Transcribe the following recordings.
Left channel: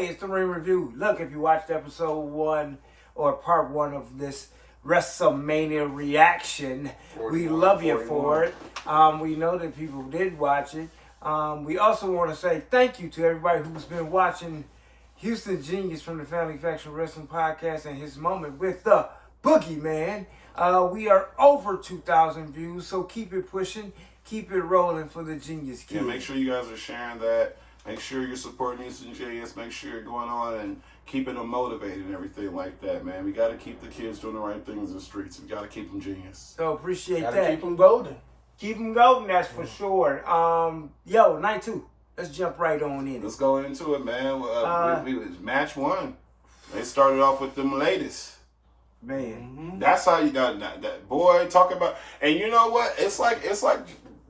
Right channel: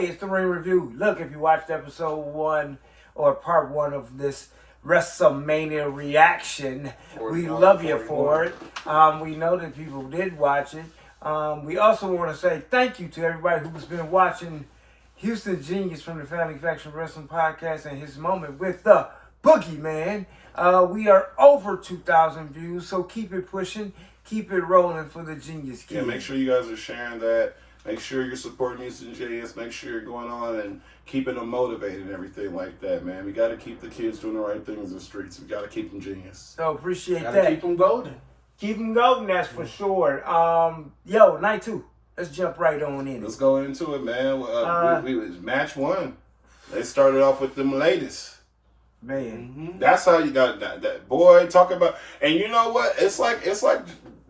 Hey, it's the Ring Review. Look, if you watched episode 1 or part 1 of this Wrestlemania reaction, we love you for it. We know that people did watch it. We also want to say thank you to everybody who's been watching Houston Genius from the Family Faction Wrestling Podcast and his moment with the Boogeyman. We are over 2,000 views, so keep it pushing, keep it rolling for the Genius Kid. Yeah, make sure you guys are sharing that. Make sure you're supporting Houston Genius. Make sure you're going on and keeping them motivated and everything like that, man. We got to keep the kids doing the right things in the streets. We got to keep them genius. So appreciate Gotta that. keep them golden. Keep them golden, that's for sure. Yo, night 2. Let's jump right on in. Let's go into it, man. We match 1. They started off with them latest. Man, That's how you got that boy talk about. And you know what? It's like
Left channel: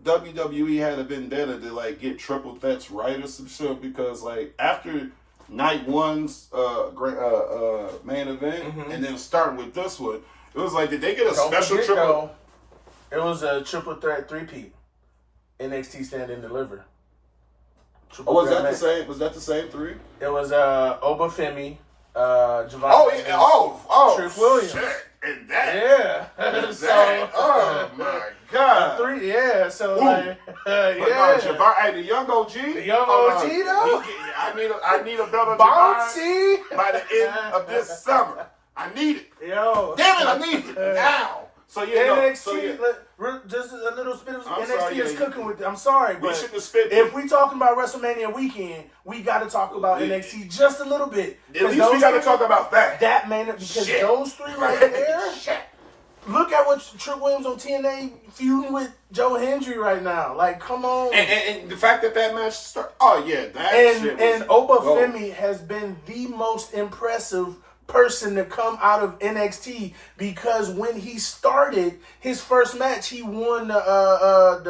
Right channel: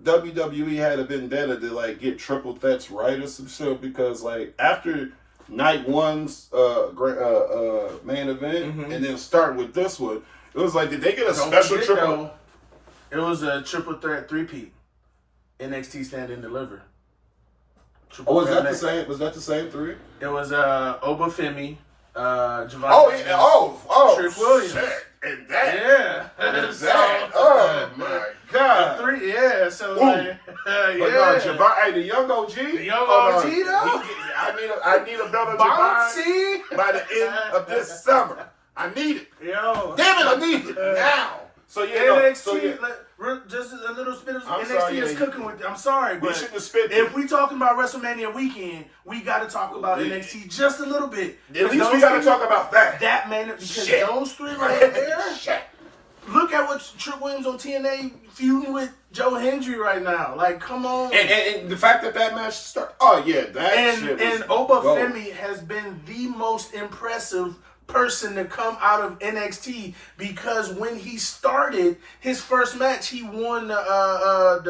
WWE had a vendetta to like get triple threats right or some shit, because like after night 1's main event and then starting with this one, it was like, did they get a special triple? Though, it was a triple threat 3-peat. NXT Stand and Deliver. Oh, was that the same? Was that the same 3? It was Obafemi, Javon. Oh, Trick Williams. Shit. And that. Yeah. And that. Oh my God. 3, yeah. So Ooh. like, But yeah. no, Javon, hey, the young OG. The young OG though. I need a belt on Bouncy. Javon by the end of this summer. I need it. Yo. Damn it, I need it now. So yeah, NXT, just a little spit of I'm NXT sorry, is yeah, cooking with. I'm sorry, we but shouldn't have spit. if we talking about WrestleMania weekend, we got to talk about NXT just a little bit. At least we got to talk about that. That man, because Shit. those 3 right there. Shit. Look at what Trick Williams on TNA feuding with Joe Hendry right now. Like, come on. And the fact that match started. Oh yeah, that shit was And Obafemi has been the most impressive person to come out of NXT, because when he started his first match, he won I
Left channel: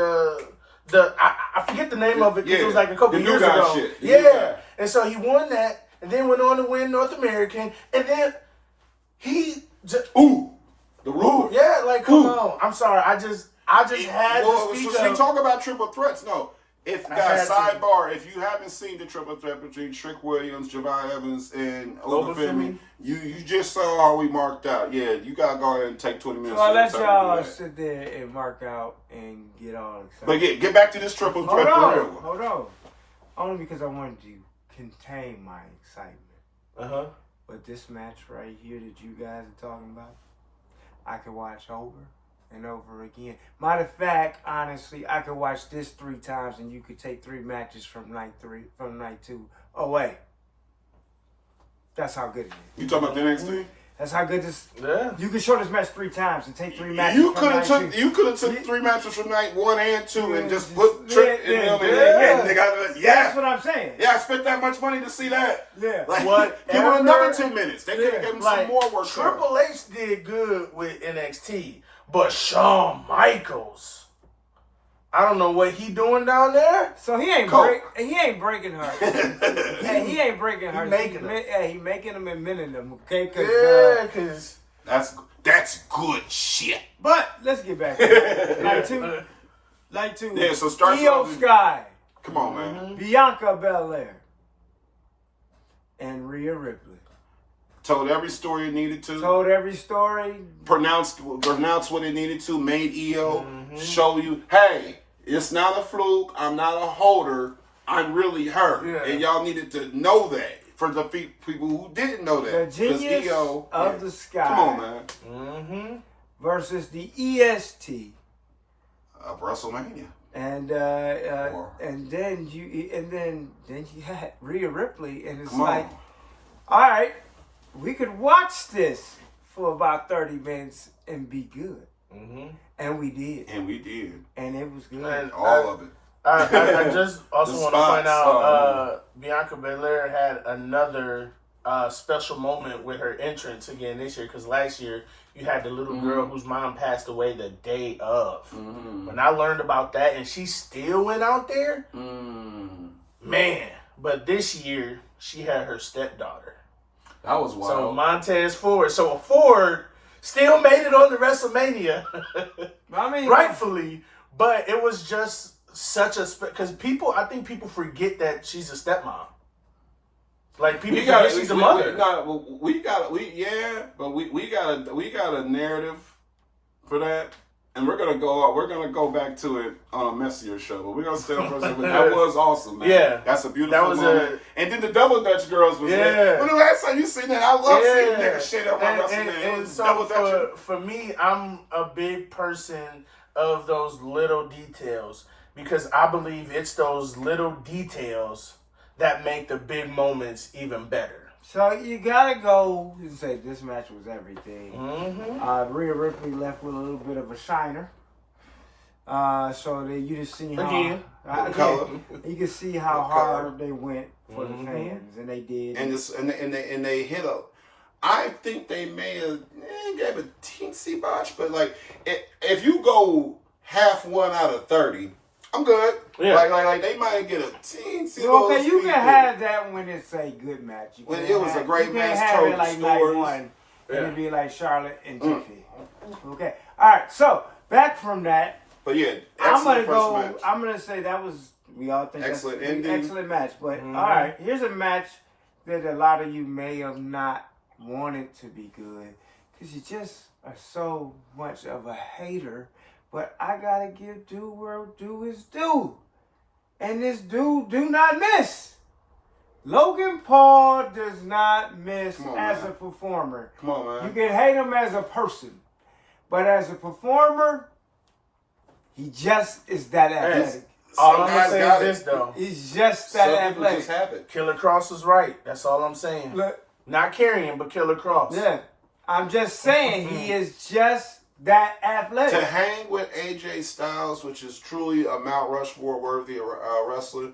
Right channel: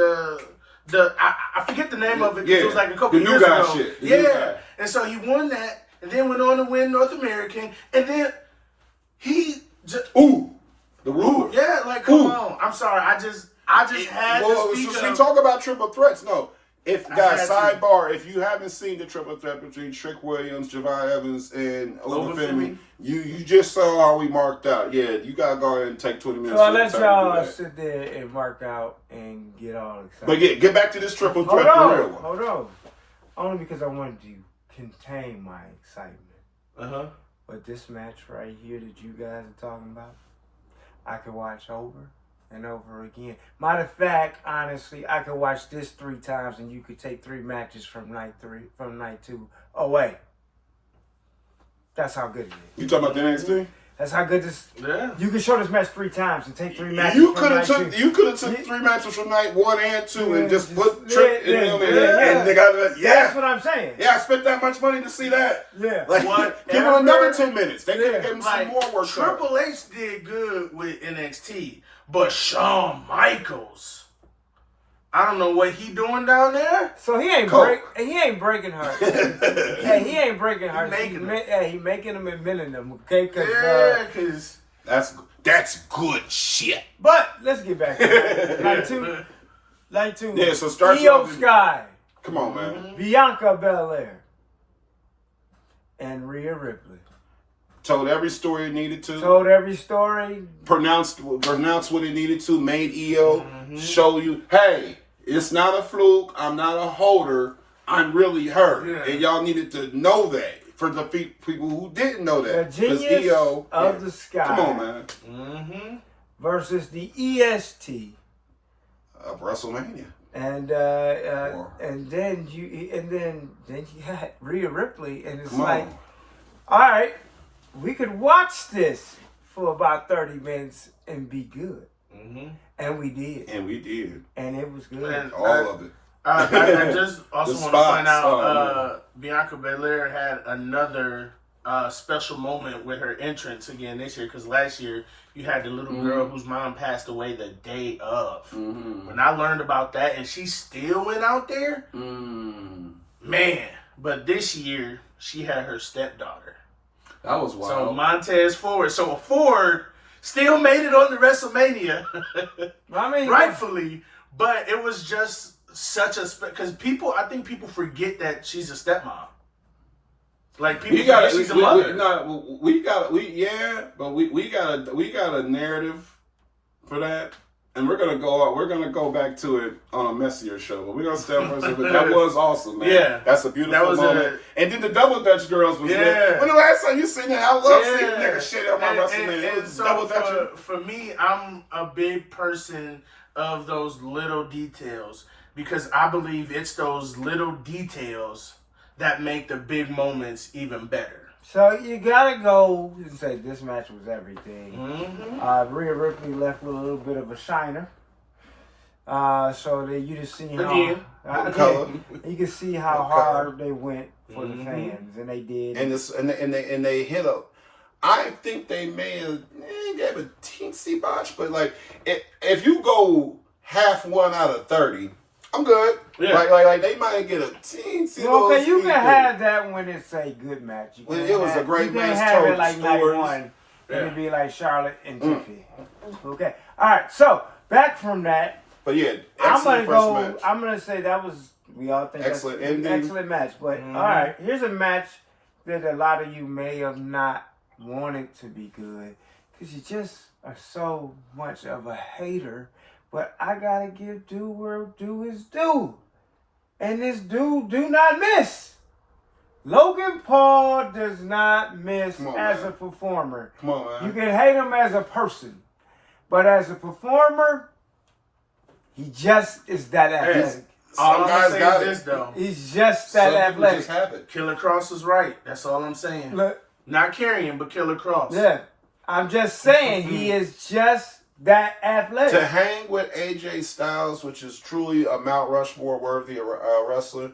forget the name of it, because it was like a couple years ago. Shit. Yeah, and so he won that, and then went on to win North American, and then he just the ruler. yeah, like come on. I'm sorry, I just had to speak so we of. talk about triple threats. No. If guys, had to. sidebar, if you haven't seen the triple threat between Trick Williams, Javon Evans, and Obafemi, you just saw how we marked out. Yeah, you gotta go ahead and take 20 minutes. so I'll let y'all sit there and mark out and get all excited. But get back to this triple threat. Hold on. Only because I wanted to contain my excitement. But this match right here that you guys are talking about, I could watch over and over again. Matter of fact, honestly, I could watch this 3 times, and you could take 3 matches from night 2 away. That's how good it is. You talking about the NXT? That's how good this. Yeah. You could show this match 3 times and take 3 matches. You from could night have 2. You could have took 3 matches from night 1 and 2 and just put Yeah, Trick in them and they got That's what I'm saying. Yeah, I spent that much money to see that. Yeah. Like, give them another 10 minutes. They could have given Like, some more work. Triple H did good with NXT, but Shawn Michaels, I don't know what he doing down there. So he ain't breaking her. Hey, he ain't breaking her. He making them and mending them. Okay, Because that's good shit. But let's get back to it. Night two. Yeah, so starts Io off. Sky, Come on, man. Bianca Belair, and Rhea Ripley. Told every story it needed to. Told every story. Pronounced what it needed to. Made EO show you, hey, it's not a fluke. I'm not a holder. I'm really her. Yeah. And y'all needed to know that. For the people who didn't know that. The Genius EO, of the Sky. Come on, man. Versus the EST of WrestleMania. And then you had Rhea Ripley, and it's all right, we could watch this for about 30 minutes and be good. And we did. And it was good. And all of it. I just also want to point out Bianca Belair had another special moment with her entrance again this year, because last year you had the little girl whose mom passed away the day of. When I learned about that, and she still went out there, man. But this year she had her stepdaughter. That was wild. So Montez Ford. So Ford still made it on the WrestleMania. I mean, rightfully, but it was just such a because I think people forget that she's a stepmom. Like people forget she's a mother. We got a narrative for that. And we're gonna go back to it on a messier show, but we're gonna stay on for a second. That was awesome, man. Yeah, that's a beautiful moment. And then the Double Dutch girls was lit. When the last time you seen that? I love seeing nigga shit on my WrestleMania. It was Double Dutch. For me, I'm a big person of those little details because I believe it's those little details that make the big moments even better. So you gotta go and say this match was everything. Mm-hmm. Rhea Ripley left with a little bit of a shiner. So that you just see how you can see how hard they went for the fans, and they did. And they hit a. I think they may have gave a teensy botch, but like if you go half one out of 30. I'm good. Yeah. Like they might get a teensy. Okay, you can have that when it's a good match. It was a great match. You can have it like night one, and it'd be like Charlotte and Tiffany. Okay. All right. So back from that. But yeah, I'm gonna say that was. We all think excellent that's ending. Excellent match. But all right, here's a match that a lot of you may have not wanted to be good because you just are so much of a hater. But I gotta give due where due is due. And this dude do not miss. Logan Paul does not miss as a performer. Come on, man. You can hate him as a person. But as a performer, he just is that athletic. All I'm gonna say is this, though. He's just that athletic. Just have it. Killer Cross is right. That's all I'm saying. Look, not carrying, but Killer Cross. Yeah. I'm just saying he is just that athletic. To hang with AJ Styles, which is truly a Mount Rushmore worthy wrestler,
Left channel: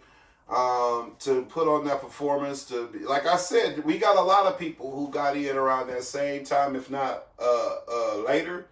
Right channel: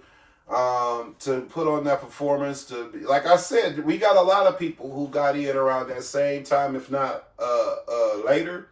to put on that performance, to be, like I said, we got a lot of people who got in around that same time, if not later,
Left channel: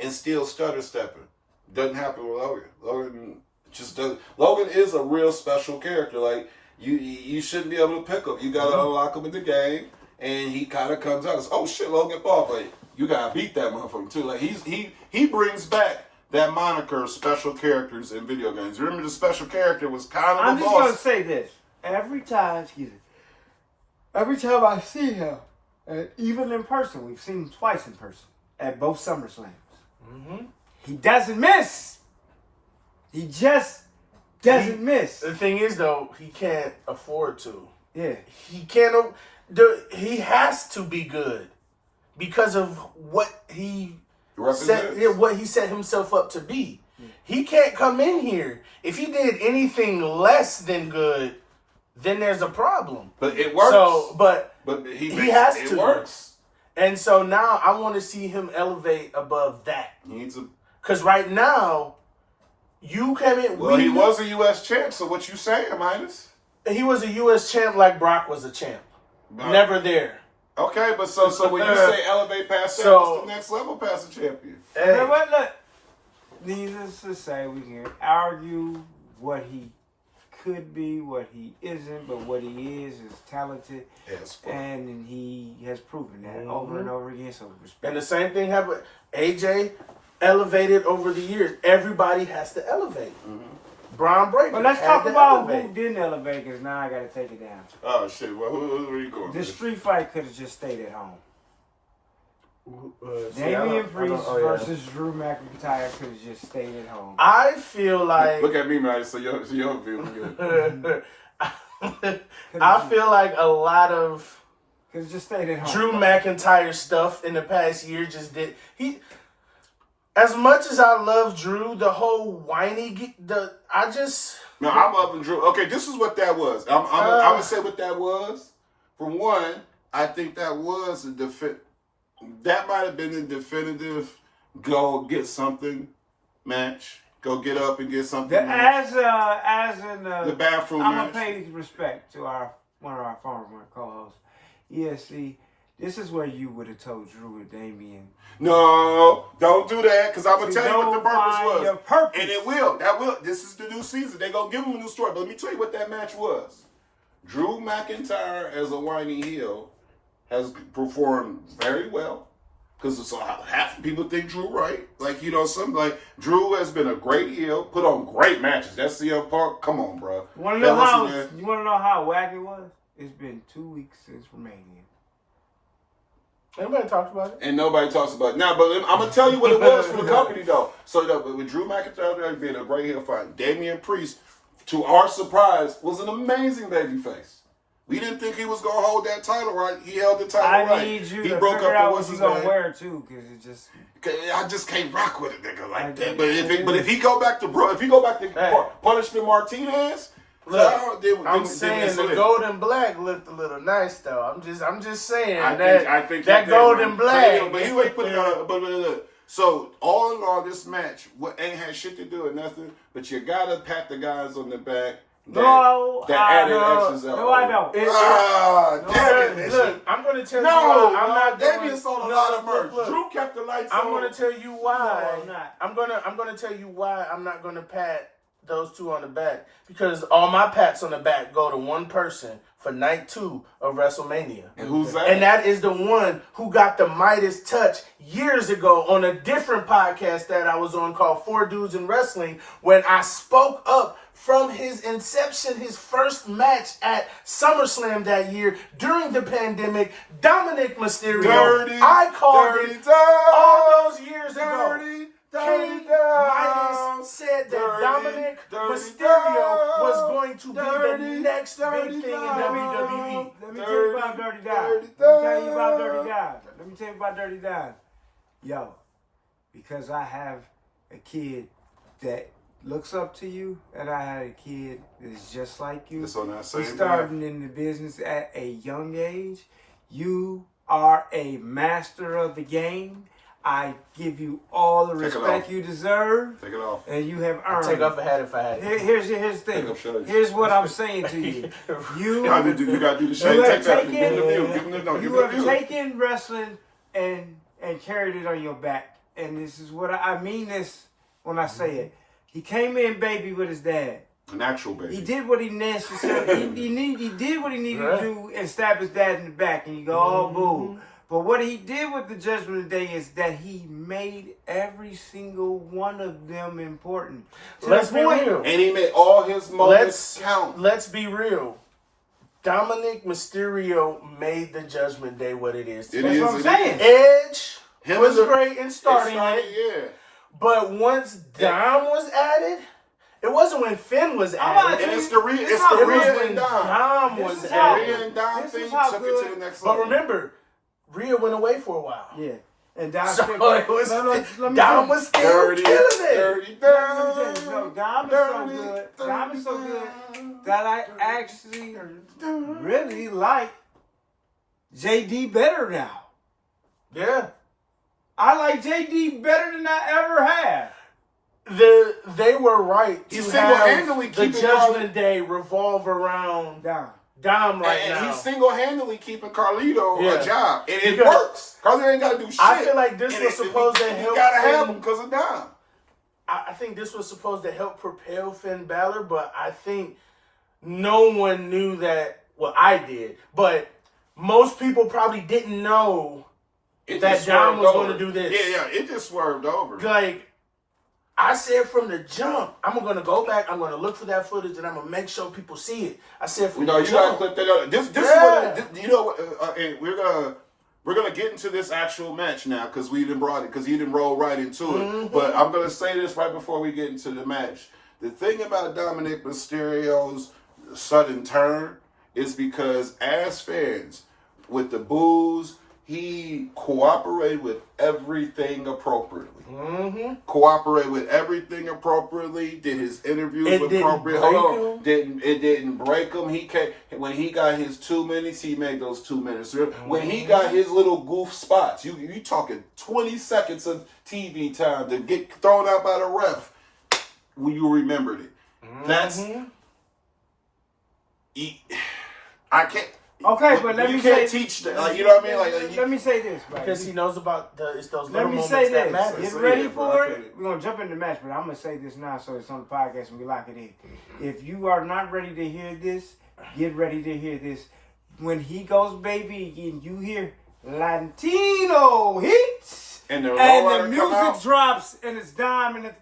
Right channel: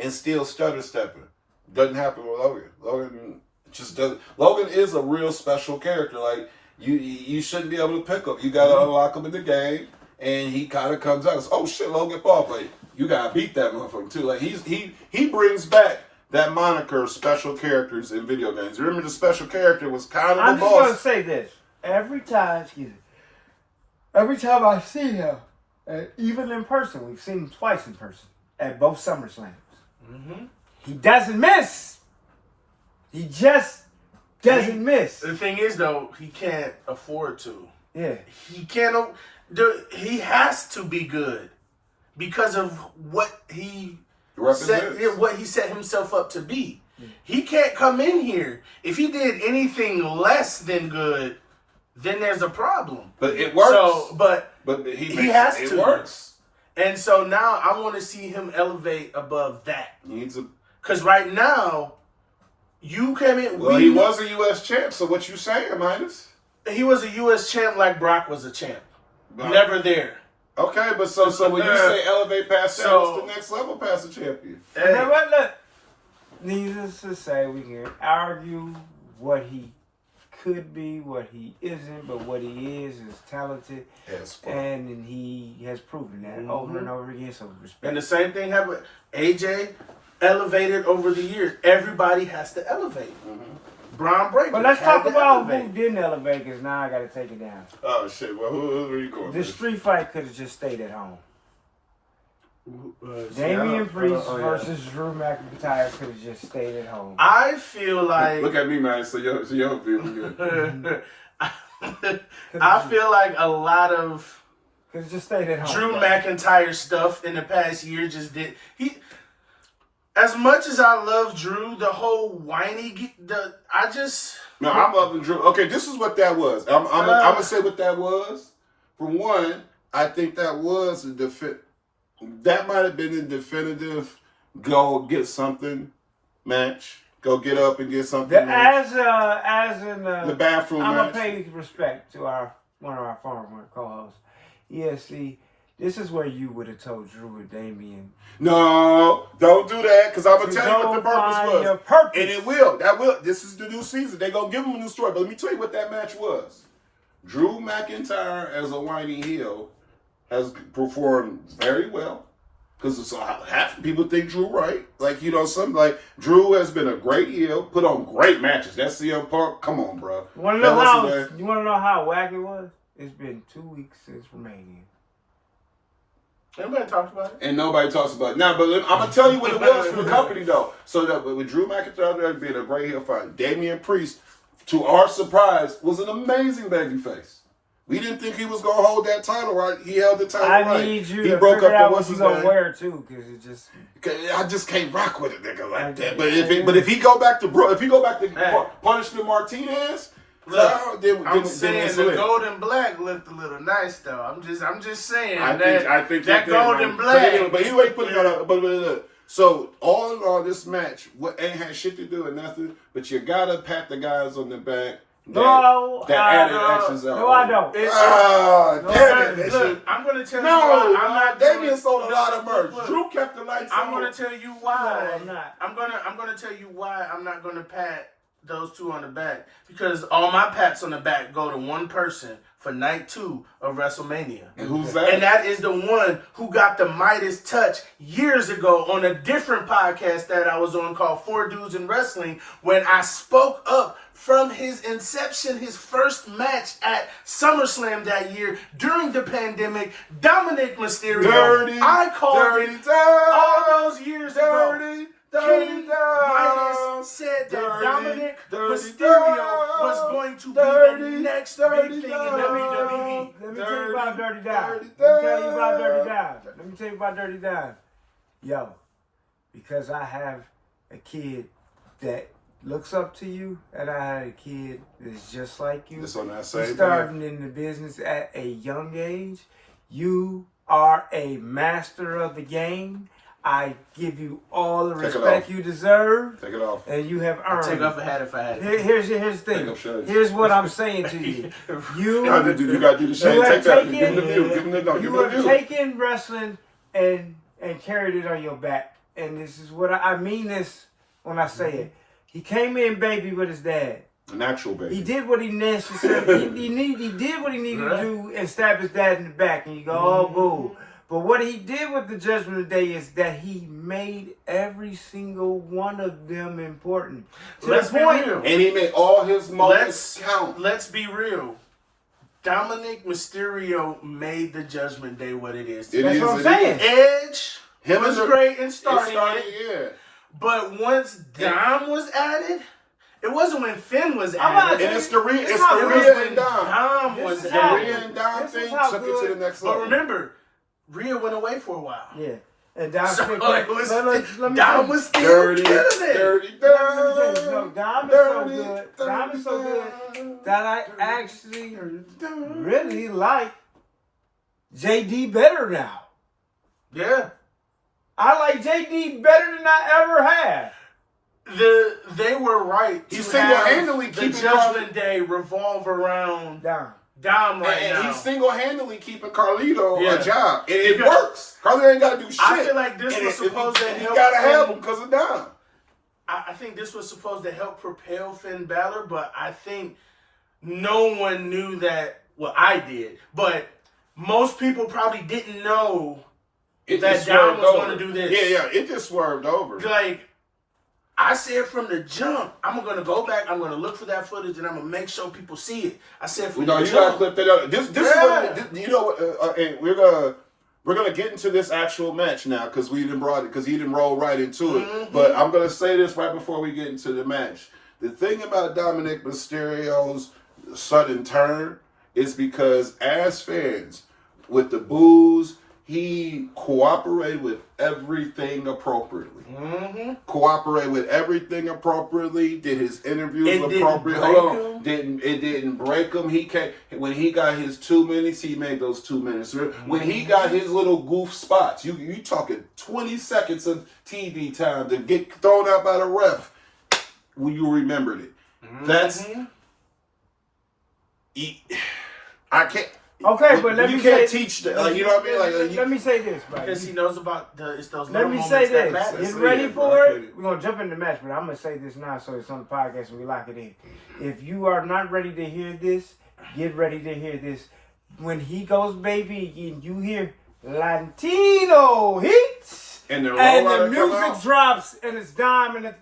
and still stutter stepping. Doesn't happen with Logan. Logan just doesn't. Logan is a real special character. Like you shouldn't be able to pick him. You got to unlock him in the game, and he kind of comes out as, oh shit, Logan Paul played. You gotta beat that motherfucker too. Like he brings back that moniker of special characters in video games. Remember the special character was kind of I'm the just boss. gonna say this. Every time I see him, even in person, we've seen him twice in person at both SummerSlams. He doesn't miss. He just doesn't miss. The thing is, though, he can't afford to. Yeah. He can't. He has to be good. Because of what he set himself up to be. He can't come in here. If he did anything less than good, then there's a problem. But it works. So, but he has to. It works. And so now I want to see him elevate above that. He needs a. Because right now, you came in. Well, he was a U.S. champ. So what you saying, Midas? He was a U.S. champ like Brock was a champ. But, never there. Okay, but so when you say elevate past that, what's the next level past the champion? Hey. Look, needless to say, we can argue what he could be, what he isn't, but what he is talented, and he has proven that over and over again. So respect. And the same thing happened. AJ elevated over the years. Everybody has to elevate. Braun Breaker. But let's talk about who didn't elevate, because now I got to take it down. Oh, shit. Well, who are you going The street fight could have just stayed at home. Damian Priest versus Drew McIntyre could have just stayed at home. I feel like... Look at me, man. So you don't feel good. I feel like a lot of... Could have just stayed at home. Drew McIntyre stuff in the past year just did... As much as I love Drew, the whole whiny, No, I'm loving Drew. Okay, this is what that was. I'm gonna say what that was. For one, I think that was that might have been a definitive go get something match. Go get up and get something. The bathroom match. I'm gonna pay respect to one of our former co-hosts. Yeah, see. This is where you would have told Drew and Damian. No, don't do that, because I'm going to tell you what the purpose was. Your purpose. And it will. This is the new season. They're going to give him a new story. But let me tell you what that match was. Drew McIntyre as a whiny heel has performed very well. Because half people think Drew right. Like, something like Drew has been a great heel, put on great matches. That's the part. Come on, bro. You want to know how whack it was? It's been 2 weeks since Romania. Anybody talked about it? And nobody talks about it. Now, but I'm going to tell you what it was for the company, though. So that with Drew McIntyre being a great heel fight, Damian Priest, to our surprise, was an amazing babyface. We didn't think he was going to hold that title, right? He held the title right. I need you he to broke figure up out the what he's going to wear, too, because it just... I just can't rock with a nigga like that. But if he go back to Punishment Martinez... I'm saying the gold and black looked a little nice though. I'm just saying I think that gold and black. But anyway, put it on. But so all in all, this match ain't had shit to do with nothing. But you gotta pat the guys on the back. That added extras out. No, I don't. Damn it! Look, I'm gonna tell you why. I'm not. Damian sold a lot of merch. Drew kept the lights on. I'm gonna tell you why. No, I'm not. I'm gonna tell you why I'm not gonna pat those two on the back, because all my pats on the back go to one person for night 2 of WrestleMania. And who's that? And that is the one who got the Midas touch years ago on a different podcast that I was on called 4 Dudes in Wrestling, when I spoke up from his inception, his first match at SummerSlam that year during the pandemic, Dominic Mysterio. I called it all those years ago. King Midas said that Dominic Mysterio was going to be the next big thing in WWE. Let me tell you about Dirty Don. Let me tell you about Dirty Don. Yo, because I have a kid that looks up to you, and I had a kid that's just like you. It's on that same starting in the business at a young age. You are a master of the game. I give you all the respect you deserve. Take it off. And you have earned. Take off a hat if I had. Here's the thing. Here's what I'm saying to you. You got to do the shame. Take that. Give him the view. Give him the no. You have taken wrestling and carried it on your back. And this is what I mean this when I say it. He came in baby with his dad. An actual baby. He did what he necessarily he did what he needed to do and stab his dad in the back. And you go, oh, boo. But what he did with the Judgment Day is that he made every single one of them important. To Let's the point, be real. And he made all his moments count. Let's be real. Dominic Mysterio made the Judgment Day what it is. That's what I'm saying. Edge was great in starting it. Yeah. But once Dom was added, it wasn't when Finn was added. And it's the Rhea and Dom. Dom was The added. Rhea and Dom thing took it to the next level. But remember, Rhea went away for a while. Yeah. And Dom, Dom was still killing it. Dirty. No, Dom is so good that I actually really like JD better now. Yeah. I like JD better than I ever have. They were right. He's single-handedly keeping the Judgment Day revolve around Dom right now. He's single-handedly keeping Carlito a job. And it works. Carlito ain't got to do shit. I feel like this was supposed to help. You got to have him because of Dom. I think this was supposed to help propel Finn Balor, but I think no one knew that. Well, I did. But most people probably didn't know that Dom was going to do this. Yeah, it just swerved over. Like, I said from the jump, I'm going to go back, I'm going to look for that footage, and I'm going to make sure people see it. I said from the jump. You got to clip that out. This is what, you know what, and we're gonna get into this actual match now because he didn't roll right into it. Mm-hmm. But I'm going to say this right before we get into the match. The thing about Dominic Mysterio's sudden turn is because as fans, with the boos, he cooperated with everything appropriately. Mm-hmm. Cooperated with everything appropriately. Did his interviews appropriate. It didn't break him. When he got his 2 minutes, he made those 2 minutes. Mm-hmm. When he got his little goof spots, you talking 20 seconds of TV time to get thrown out by the ref. When you remembered it. Mm-hmm. That's I can't. Okay, but let me say... You can't teach that. Like, you know what I mean? Let me say this, right? Because he knows about those little Let me moments say that this. matter. Get ready for it. We're going to jump in the match, but I'm going to say this now so it's on the podcast and we lock it in. If you are not ready to hear this, get ready to hear this. When he goes baby and you hear Latino hits, and the music drops and it's Dom and the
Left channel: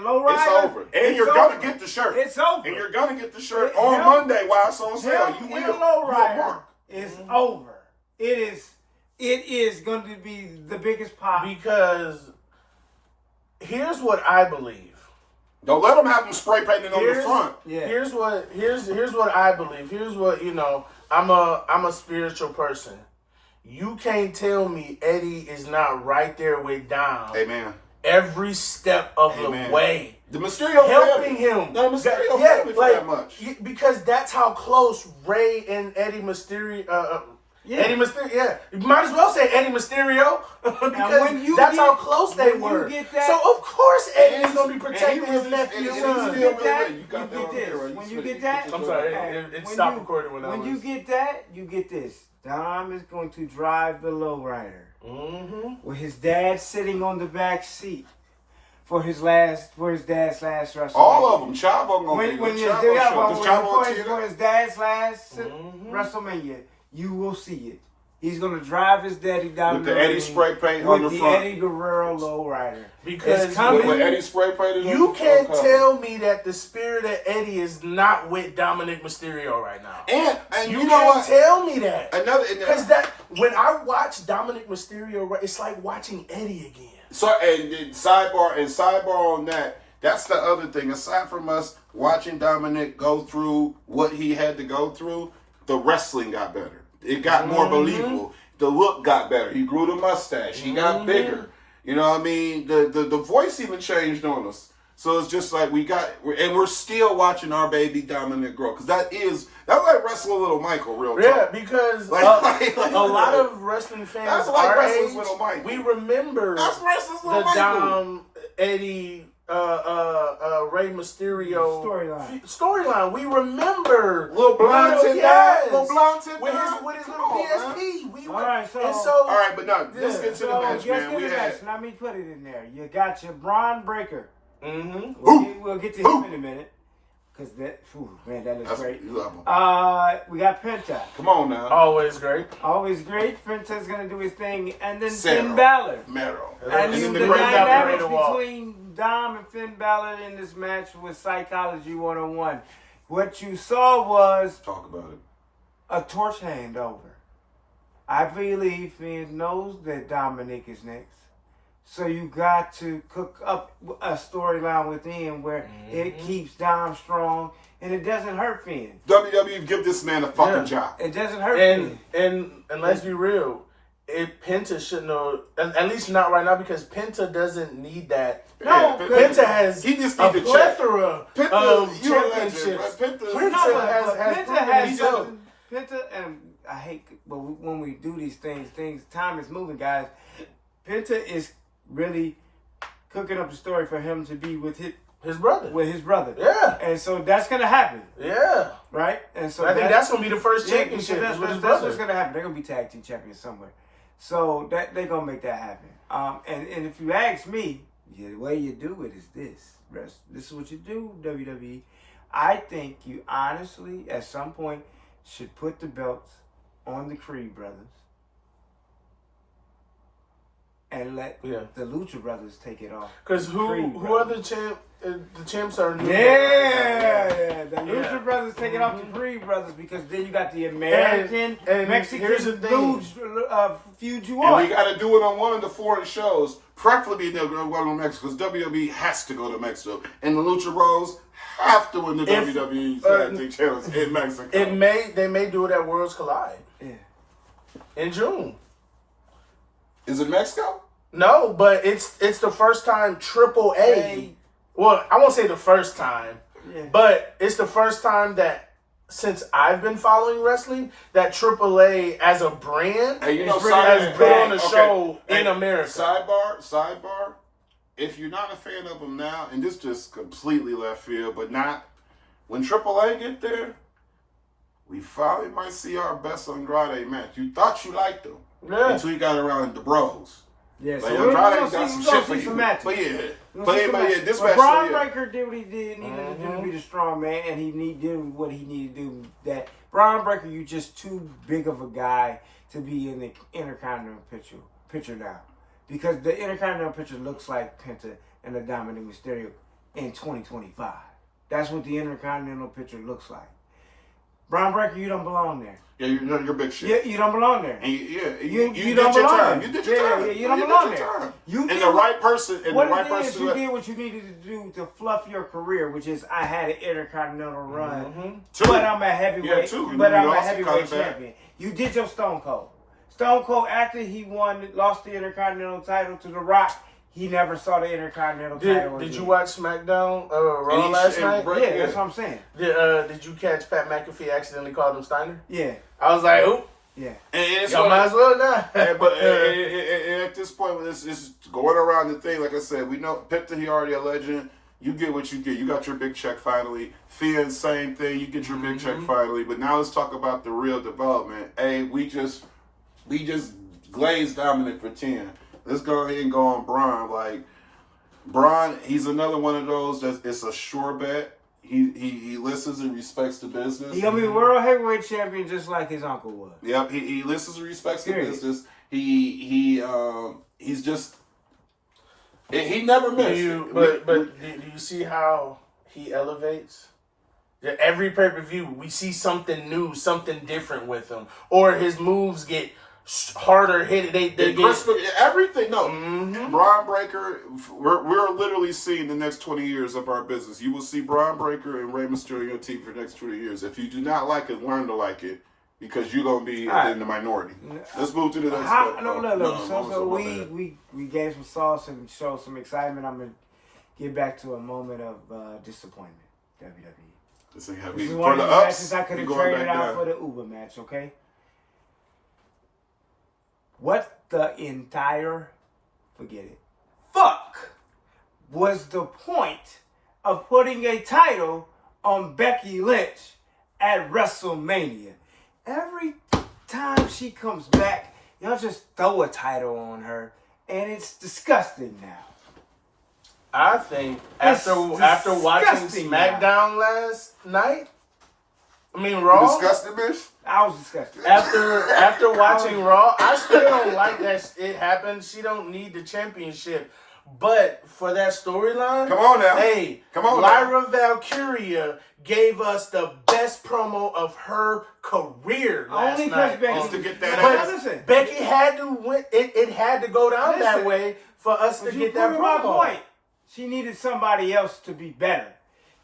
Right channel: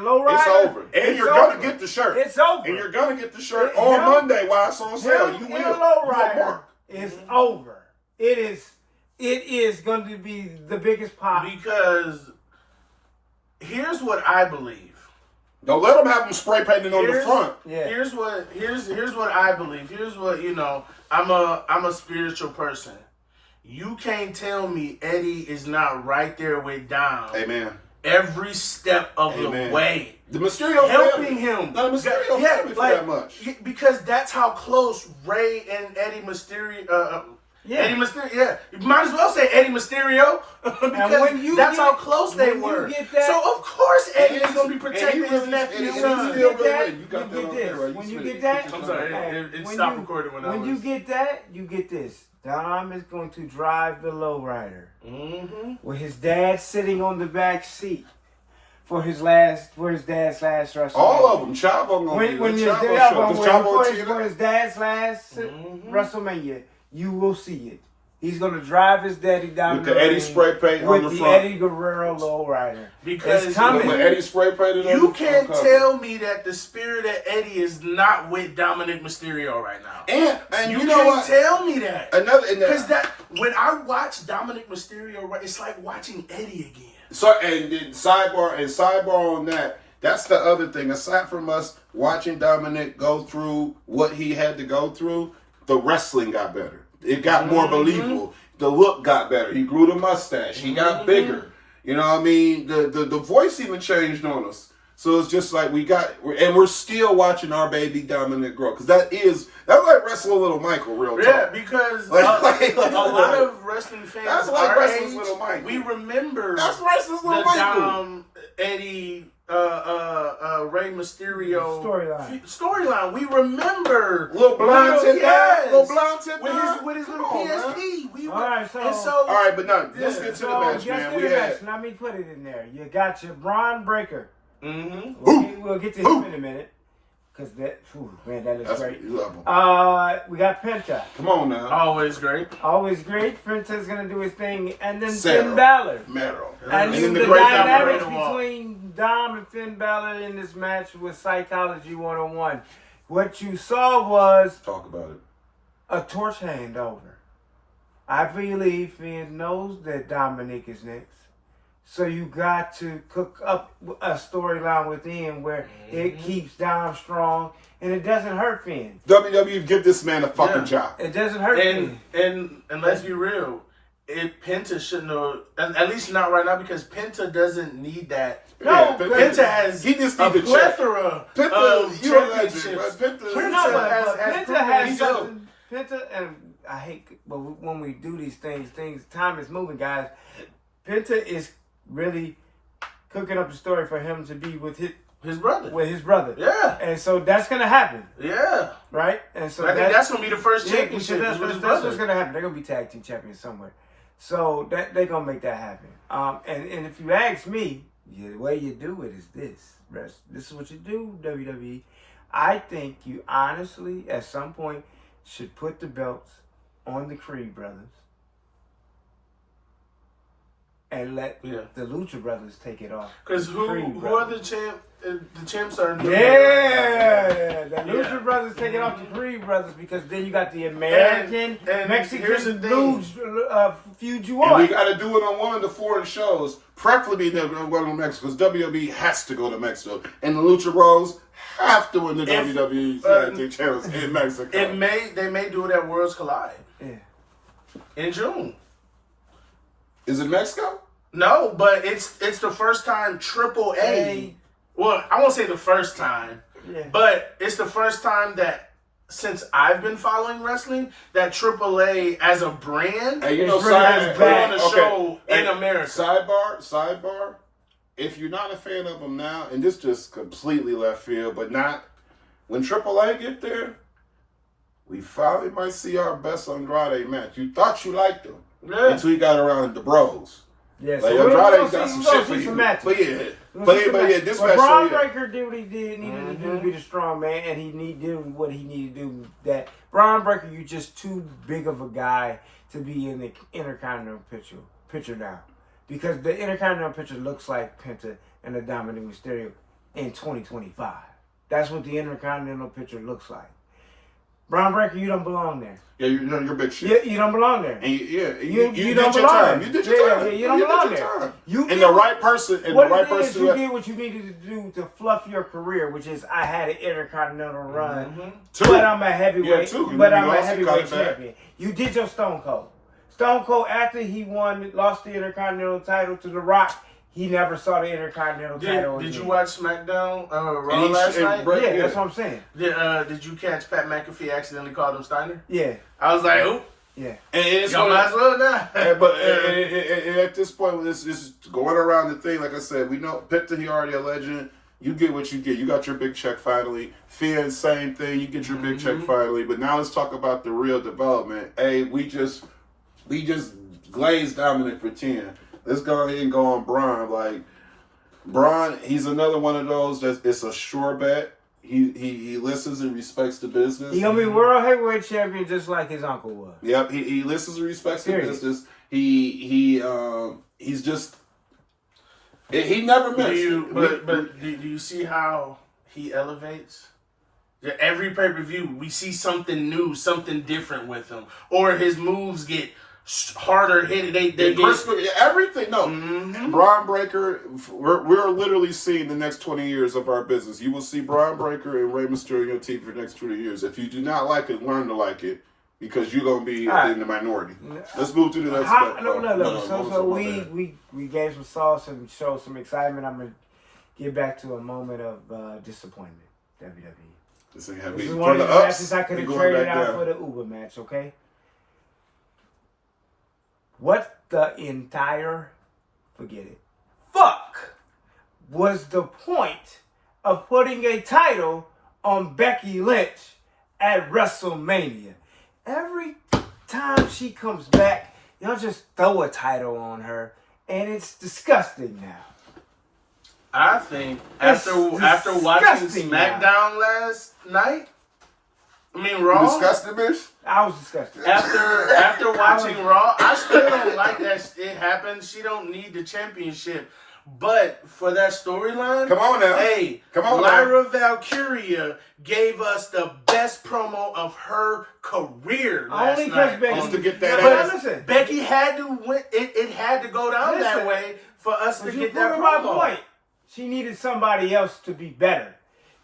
low rider. It's over. And you're gonna get the shirt. It's over. And you're gonna get the shirt on Monday while it's on sale. You will. Low rider is over. It is going to be the biggest pop. Because here's what I believe. Don't let them have them spray painted on the front. Yeah. Here's what I believe. Here's what, I'm a spiritual person. You can't tell me Eddie is not right there with Dom. Amen. Every step of the way. The Mysterio helping family. him. The Mysterio family for that much. Because that's how close Ray and Eddie Mysterio. Eddie Mysterio, you might as well say Eddie Mysterio because that's how close they were. So of course Eddie is going to be protecting his nephew. When you get that, you get that. I'm sorry, it stopped recording when I was. When you get that, you get this. Dom is going to drive the lowrider with his dad sitting on the back seat for his dad's last WrestleMania. All of them. Chavo gonna be for his dad's last WrestleMania. You will see it. He's gonna drive his daddy down with the Eddie spray paint on the front. With the Eddie Guerrero lowrider. Because it's coming. With Eddie spray painted on you can't tell me that the spirit of Eddie is not with Dominic Mysterio right now. And you know what? Tell me that. Because when I watch Dominic Mysterio, it's like watching Eddie again. So and sidebar on that. That's the other thing. Aside from us watching Dominic go through what he had to go through, the wrestling got better. It got more believable. The look got better. He grew the mustache. He got bigger. You know what I mean? The voice even changed on us. So it's just like we're still watching our baby Dominic grow. Because that's like wrestling little Michael, real talk. Yeah, because a lot of wrestling fans that's like wrestling little Michael. We remember that's wrestling little Michael. Dom, Eddie, Rey Mysterio storyline. We remember little blonde tip with his little PSP. All right, but no, let's get to the match, man. Let me put it in there. You got your Braun Breaker. We'll get to him in a minute. Because that looks great. We got Penta. Come on now. Always great. Penta's going to do his thing. And then Finn Balor. And then the dynamics between Dom and Finn Balor in this match was Psychology 101. What you saw was... Talk about it. A torch handover. I believe Finn knows that Dominic is next. So you got to cook up a storyline within where it keeps Dom strong and it doesn't hurt Finn. WWE give this man a fucking job. It doesn't hurt Finn. And let's be real, Penta shouldn't have, at least not right now, because Penta doesn't need that. No, Penta has he just a plethora of championships. Penta has something. Penta, and I hate, but when we do these things, time is moving, guys. Penta is really cooking up a story for him to be with his brother. Yeah. And so that's going to happen. Yeah. Right? And so I think that's going to be the first championship. That's what's going to happen. They're going to be tag team champions somewhere. So they're going to make that happen. And if you ask me, the way you do it is this. This is what you do, WWE. I think you honestly, at some point, should put the belts on the Creed brothers. And let the Lucha Brothers take it off. Because who are the champs? The champs are the Lucha Brothers take it off the Creed Brothers, because then you got the American and Mexican feud you on. And we got to do it on one of the foreign shows, preferably one in Mexico, because WWE has to go to Mexico, and the Lucha Bros have to win the WWE channels in Mexico. They may do it at Worlds Collide in June. Is it Mexico? No, but it's the first time AAA. Well, I won't say the first time, but it's the first time that since I've been following wrestling that AAA as a brand has put on a show in America. Sidebar. If you're not a fan of them now, and this just completely left field, but not when AAA get there, we finally might see our best Andrade match. You thought you liked them. Yeah. Until you got around the bros. Yeah, so Andrade got some shit for you. This match. Braun Breaker did what he did, needed to do to be the strong man, and he did what he needed to do. That Braun Breaker, you just too big of a guy to be in the Intercontinental picture now. because the Intercontinental picture looks like Penta and the Dominic Mysterio in 2025. That's what the Intercontinental picture looks like. Braun Breaker, you don't belong there. Yeah, you're big shit. You don't belong there. And you did don't your belong time. there. You did your time. You don't belong there. And the right person. And what the right it is, person. you did what you needed to do to fluff your career, which is I had an Intercontinental run, but I'm a heavyweight. But I'm a heavyweight champion. You did your Stone Cold. Stone Cold, after he lost the Intercontinental title to The Rock, he never saw the Intercontinental title again. Did you watch SmackDown Raw last night? Yeah, that's what I'm saying. Did you catch Pat McAfee accidentally called him Steiner? Yeah. I was like, oop. Yeah. And it's Y'all might as well not. But at this point, it's going around the thing. Like I said, we know Penta, he already a legend. You get what you get. You got your big check finally. Finn, same thing. You get your big check finally. But now let's talk about the real development. Hey, we just glazed Dominant for 10. Let's go ahead and go on Braun. Like, Braun, he's another one of those it's a sure bet. He listens and respects the business. He gonna be world heavyweight champion just like his uncle was. Yep, he listens and respects the business. He's just he never missed. But do you see how he elevates? Every pay-per-view, we see something new, something different with him, or his moves get harder hit. They get everything. No, Braun Breaker. We're literally seeing the next 20 years of our business. You will see Braun Breaker and Rey Mysterio on your team for the next 20 years. If you do not like it, learn to like it, because you're gonna be in the minority. Let's move to the next step. So we gave some sauce and showed some excitement. I'm gonna get back to a moment of disappointment. WWE. This is one of the matches I could have traded out for the Uber match. Okay. What the entire, forget it, fuck was the point of putting a title on Becky Lynch at WrestleMania? Every time she comes back, y'all just throw a title on her, and it's disgusting now. I think after watching SmackDown last night, I mean Raw. You disgusted, bitch? I was disgusted. After watching Raw, I still don't like that it happened. She don't need the championship. But for that storyline, come on now. Hey, come on Lyra Valkyria gave us the best promo of her career last Only because night. Becky Just to get that ass. Listen, Becky had to win. It had to go down that way for us to get that promo. My point. She needed somebody else to be better.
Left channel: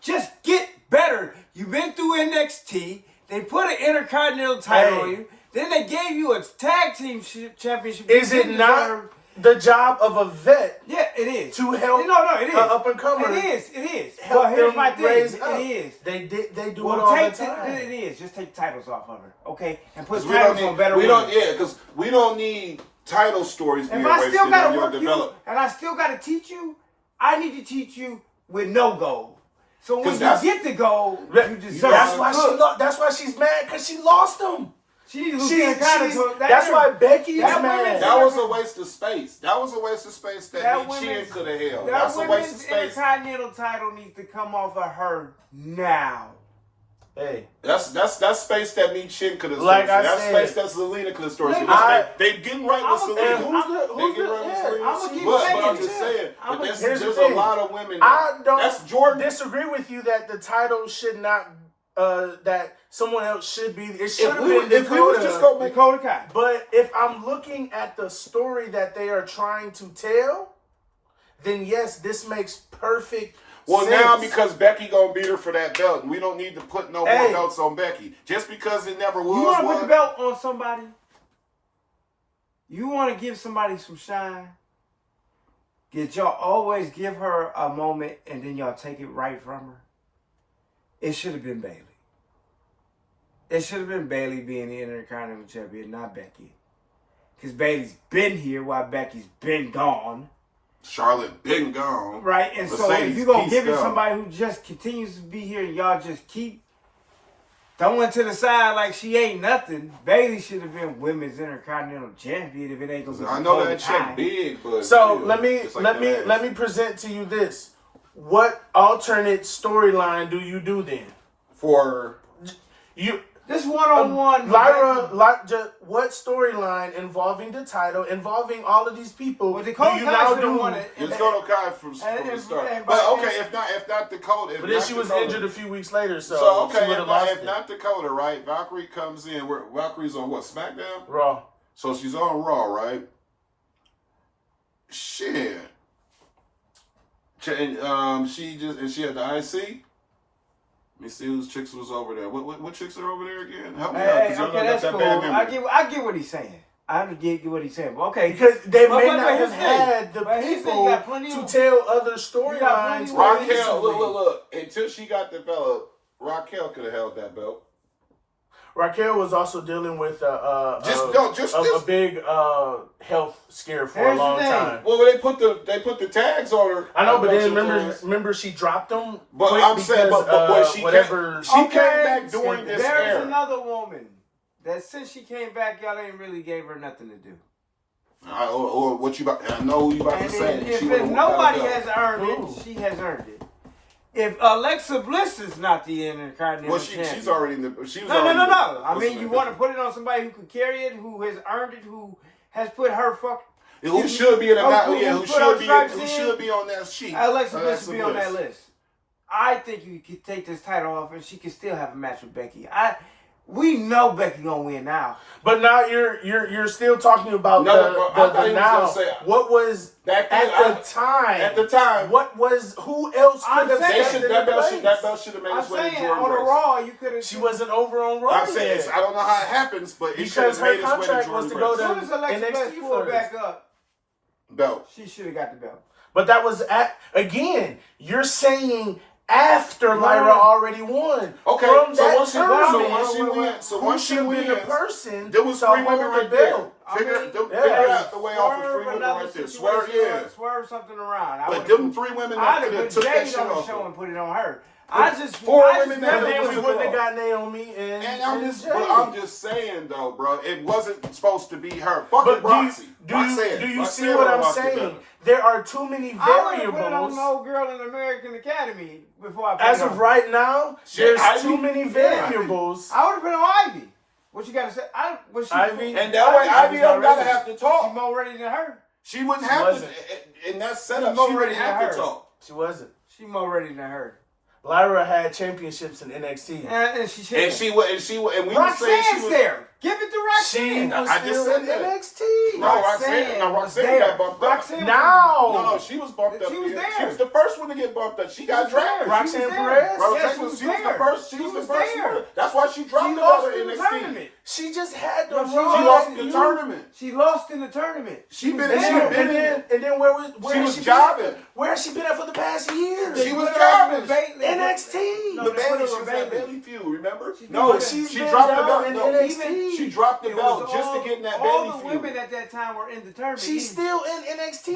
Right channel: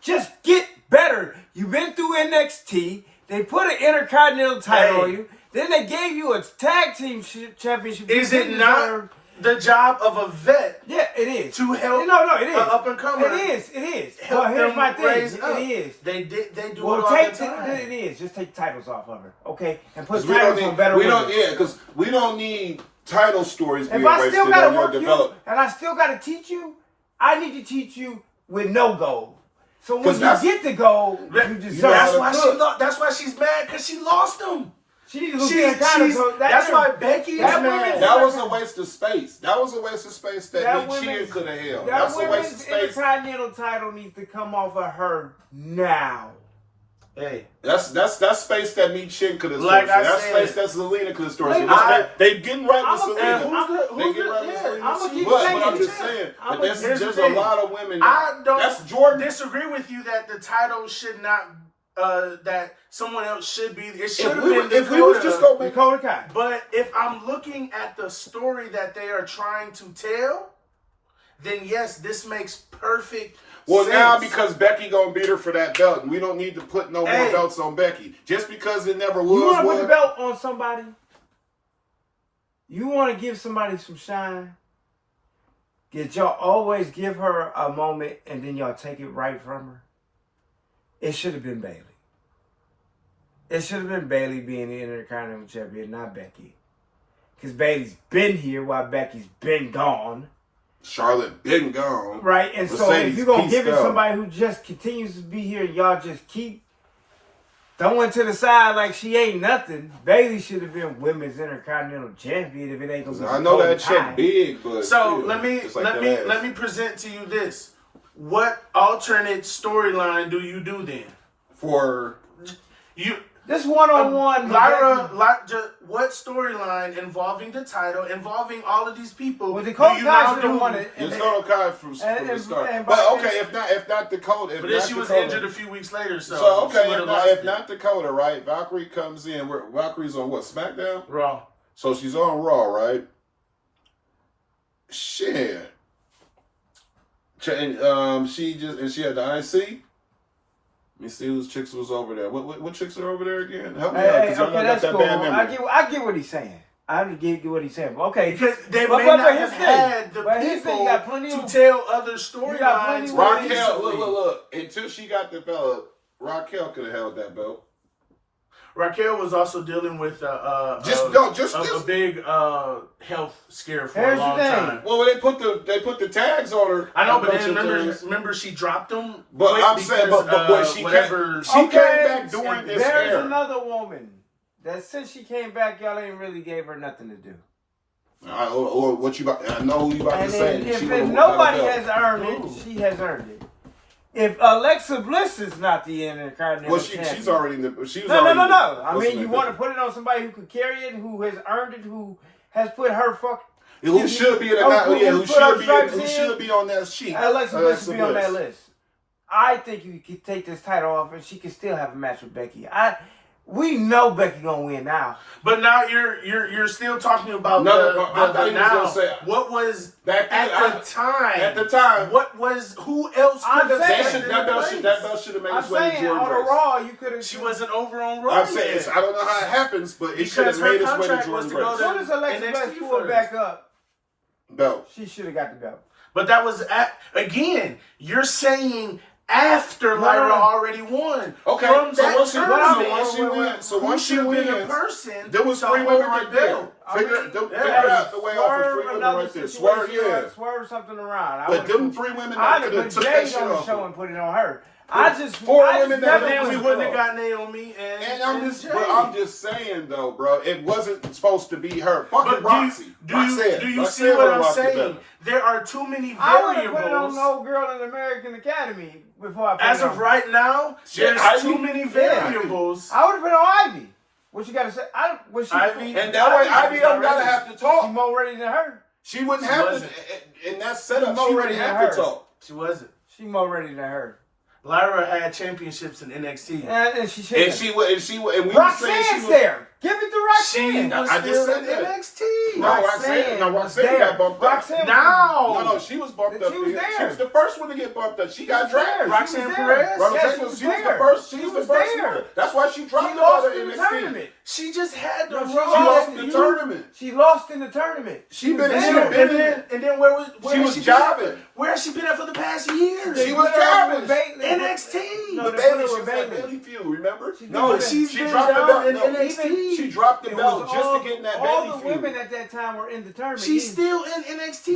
Just get better. You've been through NXT. They put an Intercontinental title on you. Then they gave you a tag team championship. Is it not the job of a vet? Yeah, it is. To help it is. up and comer. It is. Well, here's my thing. It is. They do it all the time. It is. Just take titles off of her, okay? And put titles on better women. Because we don't need title stories being wasted on your development. If I still gotta work you, and I still gotta teach you, I need to teach you with no goal. So when you get the goal, you deserve that's why she's mad, because she lost them. She need to lose the That's why Becky is mad. That was a waste of space. That was a waste of space that Chin could have held. That's a waste of space. Intercontinental title needs to come off of her now. Hey, that's space that Me Chin could have stored. That's space that Zelina could have stored. They getting right with Zelina. They getting right with Zelina. But I'm just saying, there's a lot of women. That's Jordan. Disagree with you that the title should not. That someone else should be. It should have been Dakota. If we was just going Dakota Kai. But if I'm looking at the story that they are trying to tell, then yes, this makes perfect. Well, now because Becky gonna beat her for that belt, and we don't need to put no more belts on Becky. Just because it never was. You want to put the belt on somebody? You want to give somebody some shine? Did y'all always give her a moment and then y'all take it right from her? It should have been Bayley. It should have been Bayley being the Intercontinental Champion, not Becky. Because Bayley's been here while Becky's been gone. Charlotte been gone. Right, and so if you're going to give it somebody who just continues to be here and y'all just keep throwing to the side like she ain't nothing, Bayley should have been Women's Intercontinental Champion if it ain't going to be. I know that check big, but so let me present to you this. What alternate storyline do you do then? For you This one-on-one. What storyline involving the title, involving all of these people? Well, Dakota do you now Kai do? won it. Dakota Kai from the start. and- But okay, if not Dakota, But then she was injured a few weeks later, so okay, she would've if not Dakota, right? Valkyrie comes in. Valkyrie's on what? SmackDown? Raw. So she's on Raw, right? Shit. She had the IC. Let me see whose chicks was over there. What chicks are over there again? Help me out, because y'all got that cool. bad memory. I get what he's saying. I get what he's saying. Okay, because they may not have had the people to tell other storylines. Raquel, look. Until she got developed, Raquel could have held that belt. Raquel was also dealing with a big health scare for a long time. Well, they put the tags on her. I know, but then remember she dropped them. But I'm saying, but when she came back during this era. There's another woman that since she came back, y'all ain't really gave her nothing to do. Or what you about? I know who you about to say. If nobody has earned it, she has earned it. If Alexa Bliss is not the Intercontinental champion, she's already in the. She was no. I mean, you want to put it on somebody who could carry it, who has earned it, who has put her who should be in who should be on that sheet. Alexa Bliss should be on that list. I think you could take this title off, and she could still have a match with Becky. We know Becky gonna win now. But now you're still talking about what was back then, at the time. At the time, who else could have that belt should have made its way to Jordan on Grace. a Raw, you could have. She wasn't over on Raw. I'm saying I don't know how it happens, but it should have made its way to Jordan Grace. As soon as Alexa Bliss pulled back up, belt, she should have got the belt. But that was again. You're saying. After Lyra already won. Okay, once she wins, there was 3 women right there. Figure out the way off of 3 women right there. Swerve something around. But them 3 women that could have took that shit off. Show and put it on her. 4 women that we wouldn't have got Naomi and I'm just saying though, bro, it wasn't supposed to be her. Fucking Roxy. Do you see what I'm saying? There are too many variables. I would have put it on no girl in the American Academy before I put As of right now, there's too many variables. I would have put on Ivy. What you got to say? Ivy, and that way Ivy don't gotta have to talk. She's more ready than her. She wouldn't have to. In that setup, she wouldn't have to talk. She wasn't. She's more ready than her. Lyra had championships in NXT. And Roxanne's there. Give it to Roxanne. I just said that. NXT. Roxanne got bumped up. No, she was bumped up. She was there. She was the first one to get bumped up. She got drafted. Roxanne Perez? She was the first. She was the first one. That's why she dropped out of NXT. She just had the She lost in the tournament. She lost in the tournament. And then where she was jobbing. Where has she been at for the past years? She was jobbing. NXT. The Bailey feud, remember? No, she dropped the belt in NXT. She dropped the belt just to get in that Bailey feud. All the women at that time were in the tournament. She's still in NXT.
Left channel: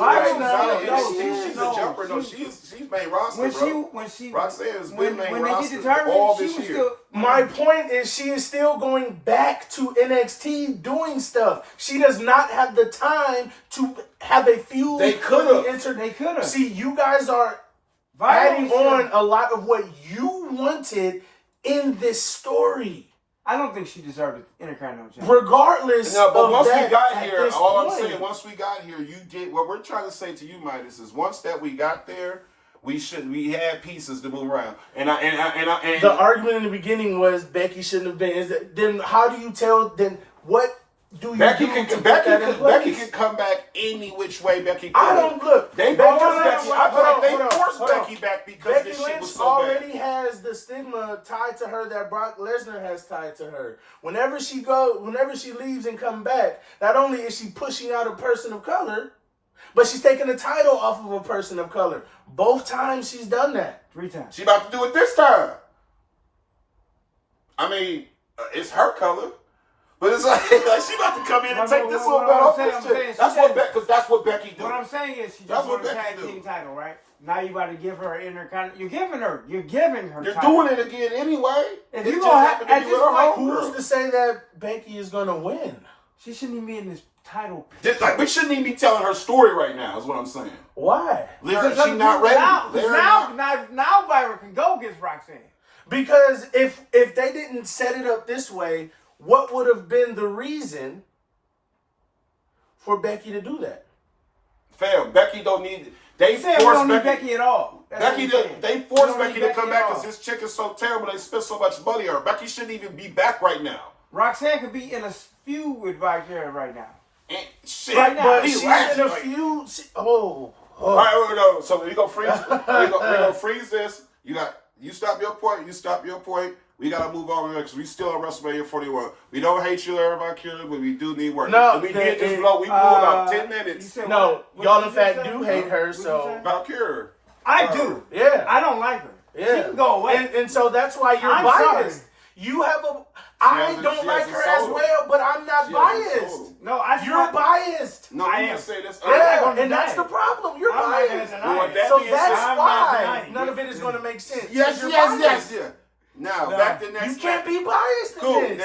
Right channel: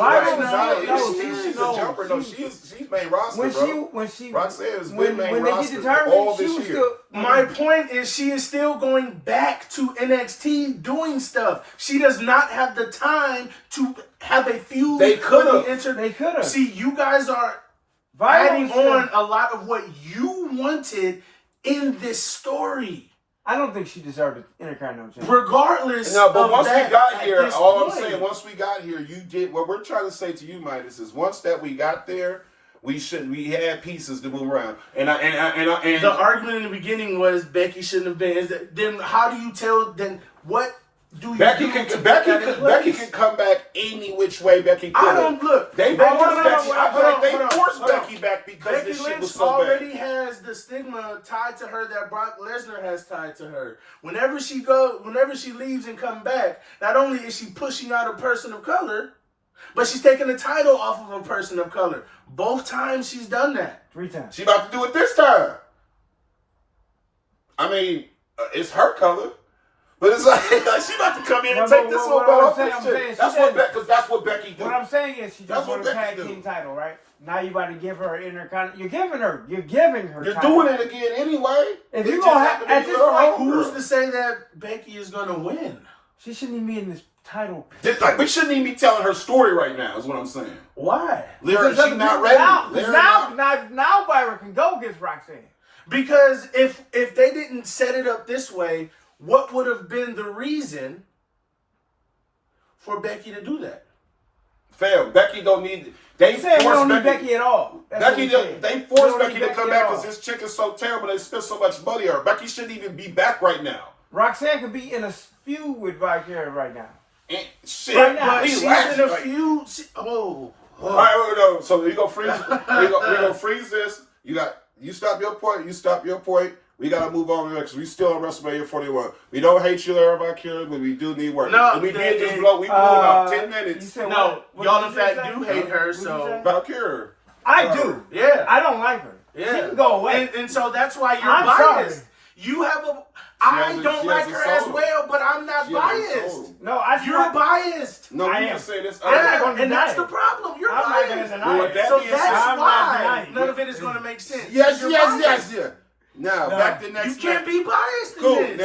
She's a jumper. No, she's made roster, bro. Roxanne's been main roster all this year. My point is she is still going back to NXT doing stuff. She does not have the time to have a feud. They could have. See, you guys are adding on a lot of what you wanted in this story. I don't think she deserved the Intercontinental Championship. Regardless, but once we got here, I'm saying, once we got here, you did what we're trying to say to you, Midas, is once that we got there, we had pieces to move around. And the argument in the beginning was Becky shouldn't have been. Then how do you tell? Then what? Becky can come back any which way Becky could. I don't look. They forced Becky back because this shit was so bad. Becky Lynch already has the stigma tied to her that Brock Lesnar has tied to her. Whenever she leaves and come back, not only is she pushing out a person of color, but she's taking the title off of a person of color. Both times she's done that. 3 times. She about to do it this time. I mean, it's her color. But it's like she about to come in and take this little belt off this shit. That's what Becky do. What I'm saying is she just won a tag team title, right? Now you about to give her Intercontinental. You're giving her. You're doing it again anyway. If you're gonna have at this point, who's to say that Becky is gonna win? She shouldn't even be in this title. We shouldn't even be telling her story right now. Is what I'm saying. Why? Lyra, she's not ready. Now Byron can go against Roxanne. Because if they didn't didn't set it up this way, what would have been the reason for Becky to do that? Fam, Becky don't need. They don't need Becky at all. They forced Becky to come back because this chick is so terrible. They spent so much money on her. Becky shouldn't even be back right now. Roxanne could be in a feud with Victoria right now. And shit, Right now, She's in a feud. All right, we're gonna go. So we gonna freeze. we gonna freeze this. You stop your point. You stop your point. We gotta move on because we still on WrestleMania 41. We don't hate you, Victoria, but we do need work. No, and we did just blow. We blew about 10 minutes. No, y'all in fact do hate her. So Valkyria. I do. Yeah, I don't like her. yeah. She can go away. And so that's why you're I'm biased. sorry. You have a. I don't like her as well, but I'm not biased. No, You're biased. No, I you am. can say this. And that's the problem. You're I'm not biased. gonna deny it. So being that's said, I'm not why denying none it. of it is going to make sense. Yes. You're Now, No. back to next You can't match. be biased in Cool. this.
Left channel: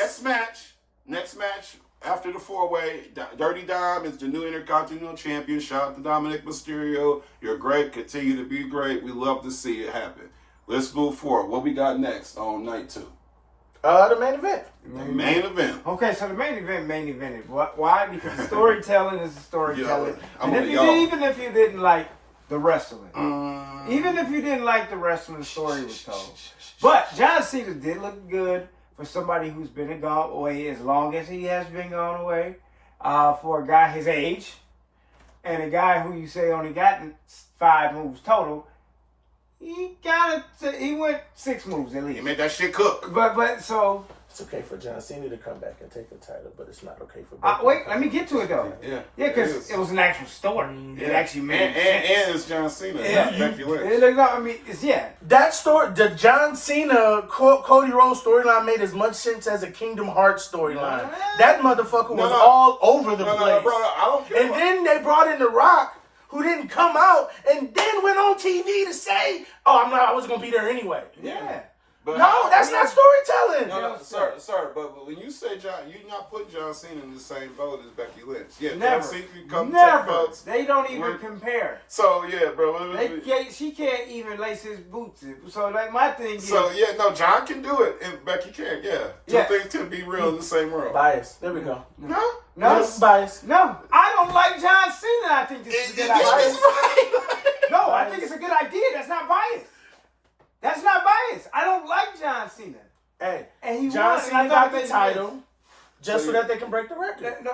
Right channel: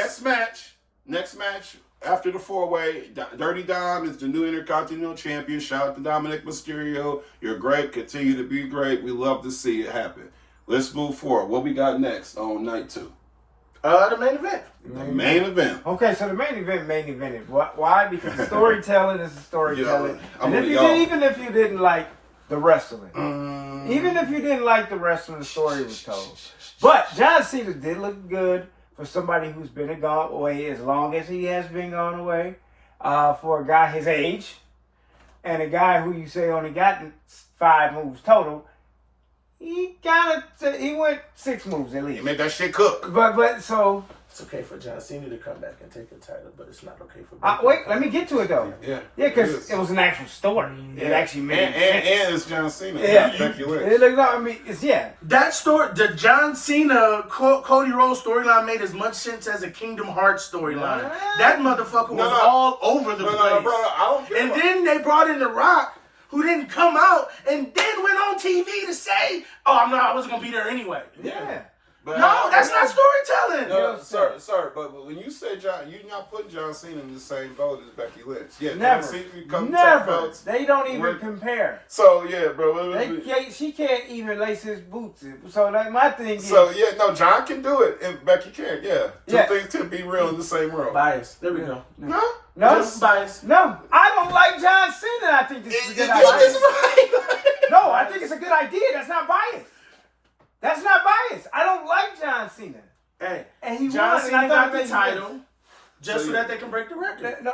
Next match after the 4-way. Dirty Dom is the new Intercontinental Champion. Shout out to Dominic Mysterio. You're great. Continue to be great. We love to see it happen. Let's move forward. What we got next on night 2? The main event. The main event. Okay, so the main event. Why? Because storytelling is storytelling. Yeah, and even if you didn't like the wrestling, even if you didn't like the wrestling, the story was told. But John Cena did look good for somebody who's been gone away as long as he has been gone away. For a guy his age, and a guy who you say only got 5 moves total. He went 6 moves at least. He made that shit cook. But so It's okay for John Cena to come back and take the title, but it's not okay for Becky. wait, let me get to it though. Yeah, because it was an actual story. It actually made sense. and it's John Cena. Yeah. Becky Lynch. That story, the John Cena Cody Rhodes storyline made as much sense as a Kingdom Hearts storyline. That motherfucker was all over the place. No, bro, I don't care. And then they brought in The Rock, who didn't come out, and then went on TV to say, I wasn't gonna be there anyway. Yeah. But No, that's not storytelling. No, sir. But when you say John, you're not putting John Cena in the same boat as Becky Lynch. Yeah, Never. John Cena come Never. top belts. They don't even compare. So yeah, bro. She can't even lace his boots. So like my thing is. So yeah, no, John can do it, and Becky can't. Yeah, two Yeah. things can be real in the same room. Bias. There we go. No, No, Just bias. no, I don't like John Cena. I think this is a good idea. That's right. No, I think it's a good idea. That's not bias. That's not bias. I don't like John Cena. Hey, And he John won, Cena and I got thought the it made title just So so you- that they can break the record. sense.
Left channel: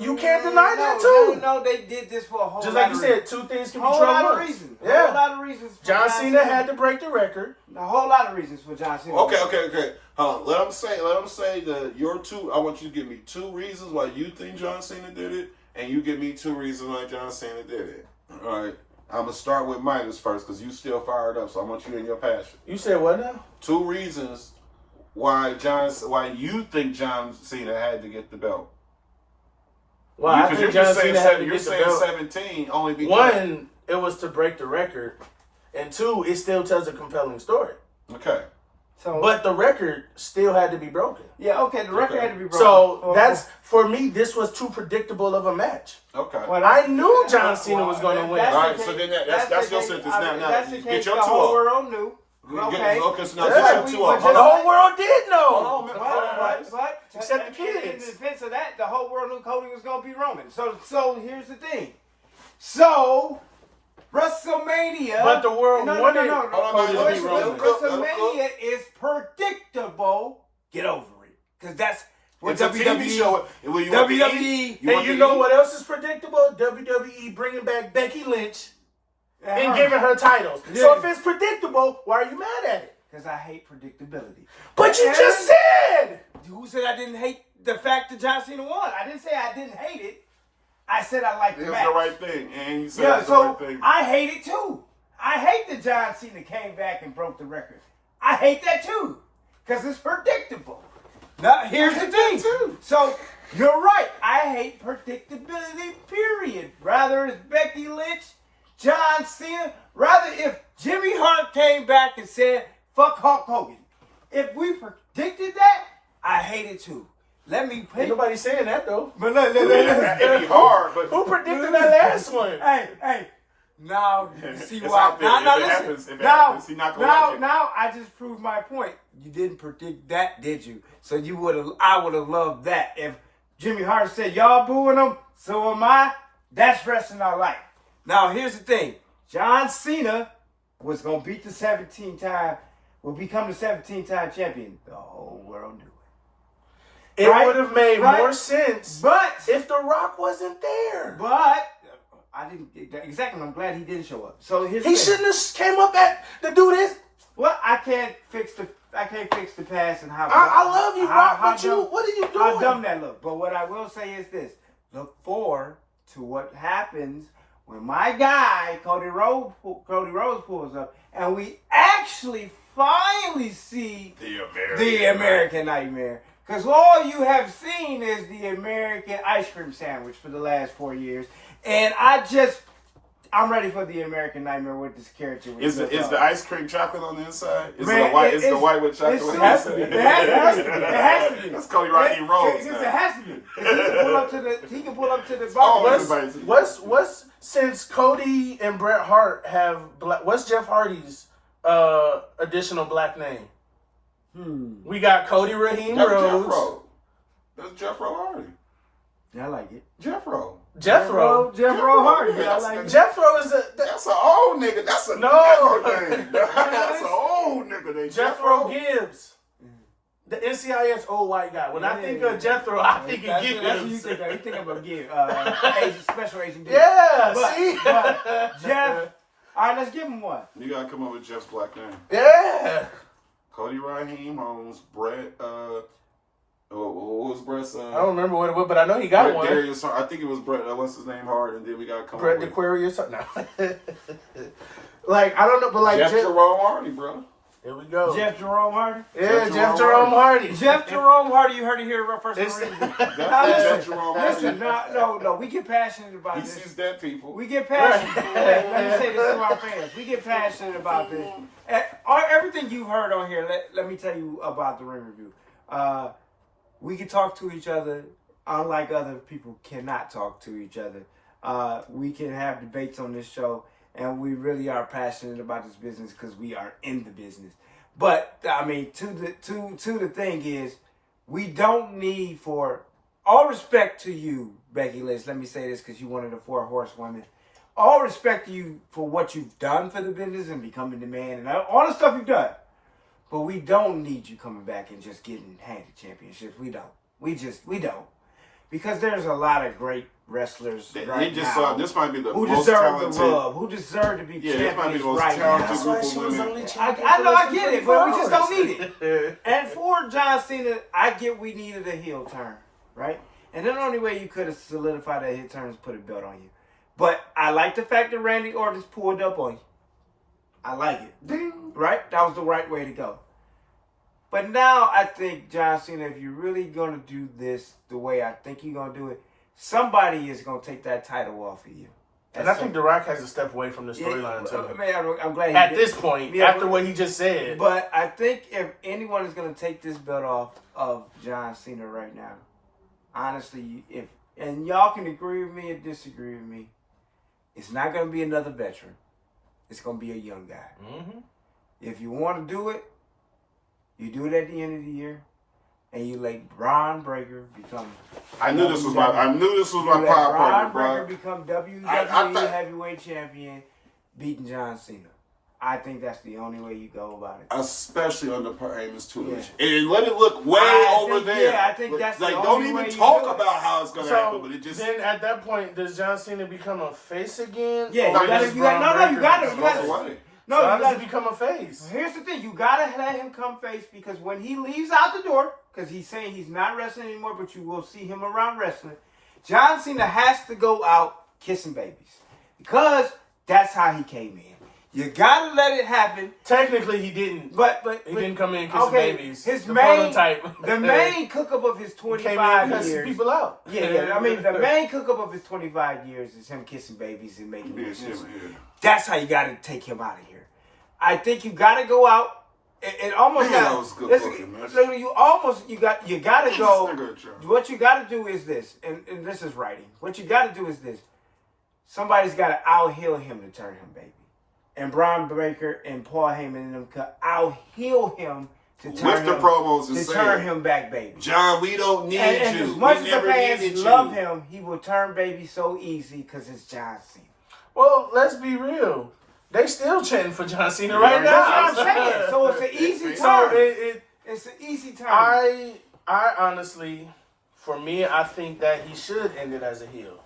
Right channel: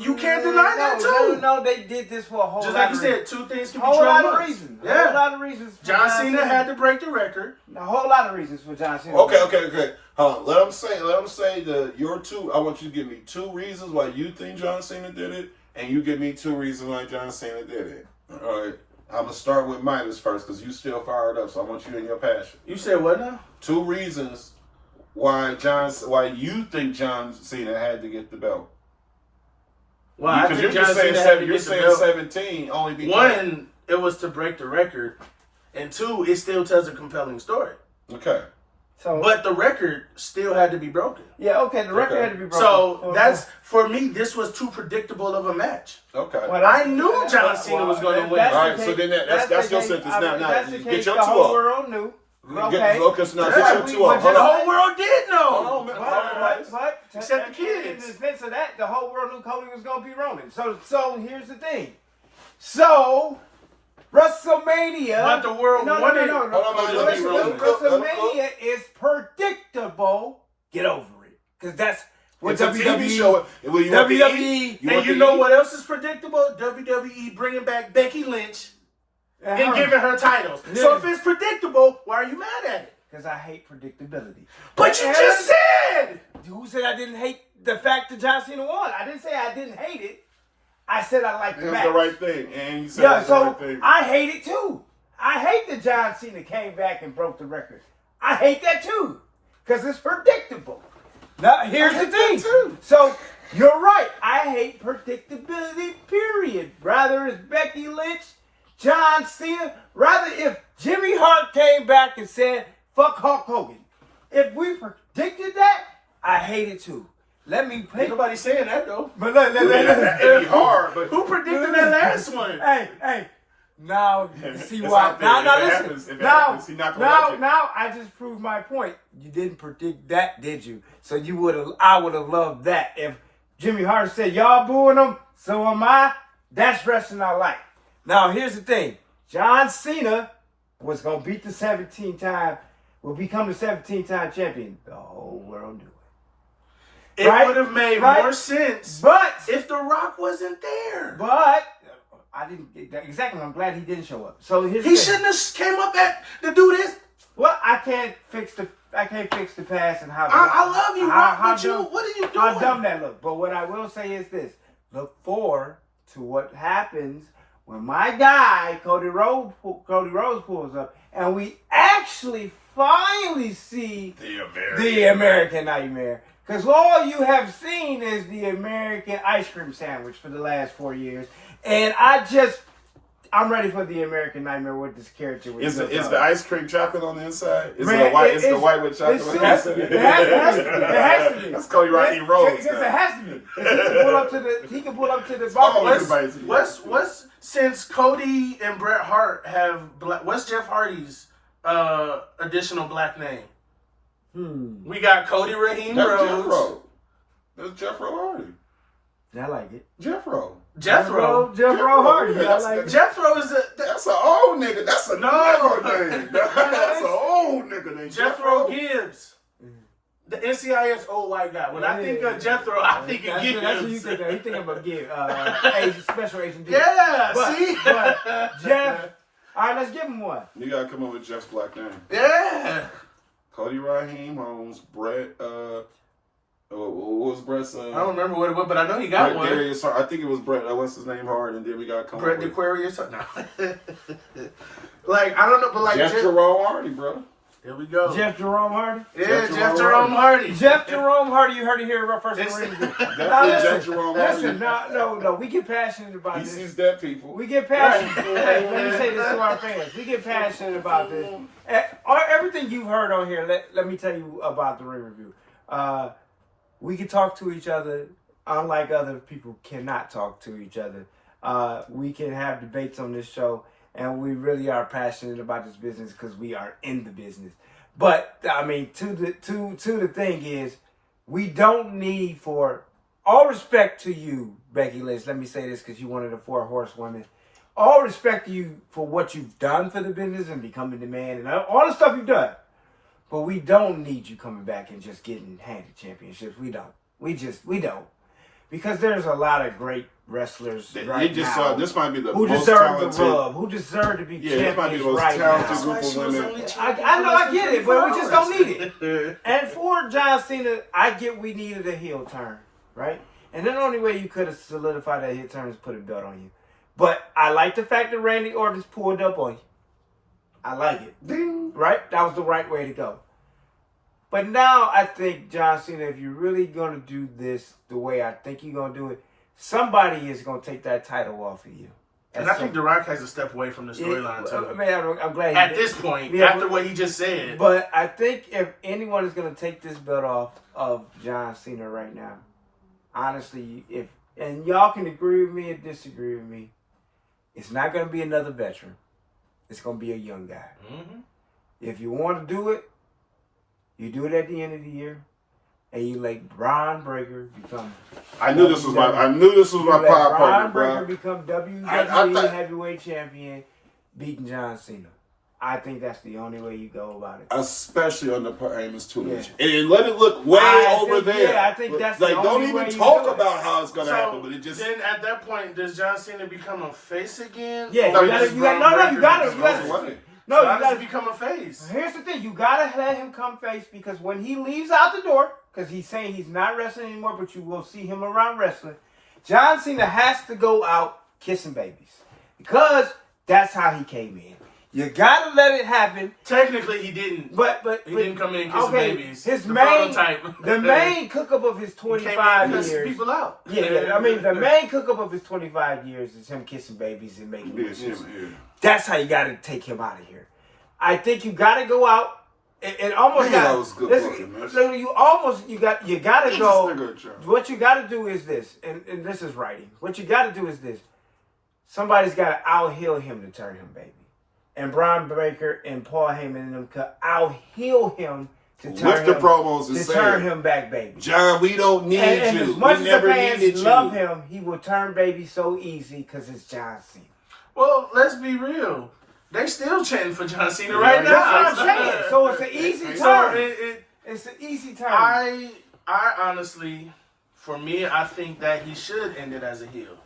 You can't deny that, No, too. no, they did this for a whole Just lot like you of said, reasons. 2 things can A be whole 12 lot of months. reasons. A Yeah. whole lot of reasons. For John Cena had to break the record. A whole lot of reasons for John Cena. Okay. Let them say your 2. I want you to give me 2 reasons why you think John Cena did it, and you give me 2 reasons why John Cena did it. All right. I'm gonna start with Minus first because you still fired up, so I want you in your passion. You said what now? 2 reasons why you think John Cena had to get the belt. Well, I think John Cena had to you're get the saying belt. 17 only because 1, it was to break the record, and 2, it still tells a compelling story. Okay. So, But the record still had to be broken. yeah, okay, the record Okay. had to be broken. So that's, for me, this was too predictable of a match. Okay. Well, I knew John Cena was gonna win. That's the Alright, case. so then that's your the sentence. case. Now, That's the get case. your The 2 whole up. world knew. Okay. Okay, so now Yeah, get your we 2 were up. just- Hold The on. whole world did know. Hold on, man. What? Except the In kids. defense of that, the whole world knew Cody was going to be Roman. So here's the thing. So, WrestleMania. But the world no, wanted. No. Hold on, man, let him cook. WrestleMania is predictable. Get over it. Because that's what It's a TV show. When you WWE. want to eat, And you know what else is predictable? WWE bringing back Becky Lynch and giving her titles. Yeah. So if it's predictable, why are you mad at it? Because I hate predictability. But you just said. Who said I didn't hate the fact that John Cena won? I didn't say I didn't hate it. I said I liked It the was match. the right thing, and you said Yeah, it was the so right thing. I hate it too. I hate that John Cena came back and broke the record. I hate that too. Because it's predictable. Now, here's the thing. too. So, you're right. I hate predictability, period. Rather it's Becky Lynch, John Cena. Rather if Jimmy Hart came back and said, fuck Hulk Hogan. If we predicted that, I hate it too. Let me Ain't pick. nobody saying that though. But look. It'd be hard, but Who predicted that last one? Hey. Now, see It's why? out there. Now, If it listen. happens, if it happens, he not gonna like it. Now, I just proved my point. You didn't predict that, did you? So I would have loved that. If Jimmy Hart said, y'all booing him, so am I. That's wrestling I like. Now, here's the thing. John Cena was going to beat the 17-time, will become the 17-time champion. The whole world knew it. It would have made more sense if The Rock wasn't there. But I didn't exactly. I'm glad he didn't show up. So he shouldn't have came up to do this. Well, I can't fix the past and how. I love you, Rock, but what are you doing? How dumb that look. But what I will say is this: look forward to what happens when my guy Cody Rhodes pulls up, and we actually finally see the American Nightmare. Because all you have seen is the American ice cream sandwich for the last 4 years. And I'm ready for the American Nightmare with this character. Is the ice cream chocolate on the inside? Is Man, it white? Is the white with chocolate on the inside? It has to be. That's Cody Rocky Rhodes. Because it has to be. He can pull up to the bar. What's since Cody and Bret Hart have what's Jeff Hardy's additional black name? We got Cody Raheem Rhodes. That's Jethro Hardy. I like it. Jethro Hardy. Jethro is that's an old nigga. That's a name. That's an old nigga named Jethro Gibbs. The NCIS old white guy. When I think of Jethro, I think of Gibbs. That's what you think of. You think of a Gibbs, special agent. Yeah, but Jeff. All right, let's give him one. You gotta come up with Jeff's black name. Yeah. Cody Raheem Holmes, Brett. What was Brett's? I don't remember what it was, but I know he got Brett one. Darius, I think it was Brett. What's his name? Hard, and then we got Brett Aquarius. No. Like I don't know, but like Jeff Jerome Hardy, bro. Here we go. Jeff Jerome Hardy. Yeah, Jeff Jerome Hardy. Jeff Jerome Hardy. You heard it here first. Jeff Jerome Hardy. Listen, no. We get passionate about this. He sees dead people. We get passionate. Hey, let me say this to our fans. We get passionate about this. Everything you've heard on here, let me tell you about the ring review. We can talk to each other unlike other people cannot talk to each other. We can have debates on this show, and we really are passionate about this business because we are in the business. But I mean, to the thing is, we don't need, for all respect to you, Becky Lynch. Let me say this because you're one of the 4 horsewomen. All respect to you for what you've done for the business and becoming the man and all the stuff you've done. But we don't need you coming back and just getting handed championships. We don't. We don't. Because there's a lot of great wrestlers now this might be the who most deserve talented, the rub, who deserve to be champions this might be the most right talented now. group of women. I know, I get it, but we just don't need it. And for John Cena, I get we needed a heel turn, right? And the only way you could have solidified that heel turn is put a belt on you. But I like the fact that Randy Orton's pulled up on you. I like it. Ding. Right? That was the right way to go. But now I think, John Cena, if you're really going to do this the way I think you're going to do it, somebody is going to take that title off of you. And I think The Rock has to step away from the storyline, too. Man, I'm glad at this point, after what he just said. But I think if anyone is going to take this belt off of John Cena right now, honestly, and y'all can agree with me or disagree with me, it's not going to be another veteran. It's going to be a young guy. Mm-hmm. If you want to do it, you do it at the end of the year, and you let Braun Breaker become. I knew this was my pop Braun partner, Breaker bro. become WWE Heavyweight Champion, beating John Cena. I think that's the only way you go about it. Especially on the Amos Tutelage. And let it look over there. Yeah, I think that's the only don't way even you talk do it. about how it's going to happen, but it just... Then at that point, does John Cena become a face again? Yeah, you got to. No, you got to become a face. Here's the thing. You got to let him come face, because when he leaves out the door, because he's saying he's not wrestling anymore, but you will see him around wrestling, John Cena has to go out kissing babies, because that's how he came in. You got to let it happen. Technically, he didn't. But he didn't come in kissing babies. The main cook-up of his 25 years. People out. Yeah. I mean, the main cook-up of his 25 years is him kissing babies and making wishes. That's how you got to take him out of here. I think you got to go out. It almost got. That was good looking, man. You got to go. What you got to do is this, and this is writing. What you got to do is this. somebody's got to out-heel him to turn him baby. And Braun Breaker and Paul Heyman and them could out-heel him to turn him back baby. John, we don't need and you. As much we as never the fans needed love you. him, he will turn baby so easy because it's John Cena. Well, let's be real. They still chanting for John Cena right now. That's what I'm saying. So it's an easy turn. It's an easy turn. I honestly, for me, I think that he should end it as a heel.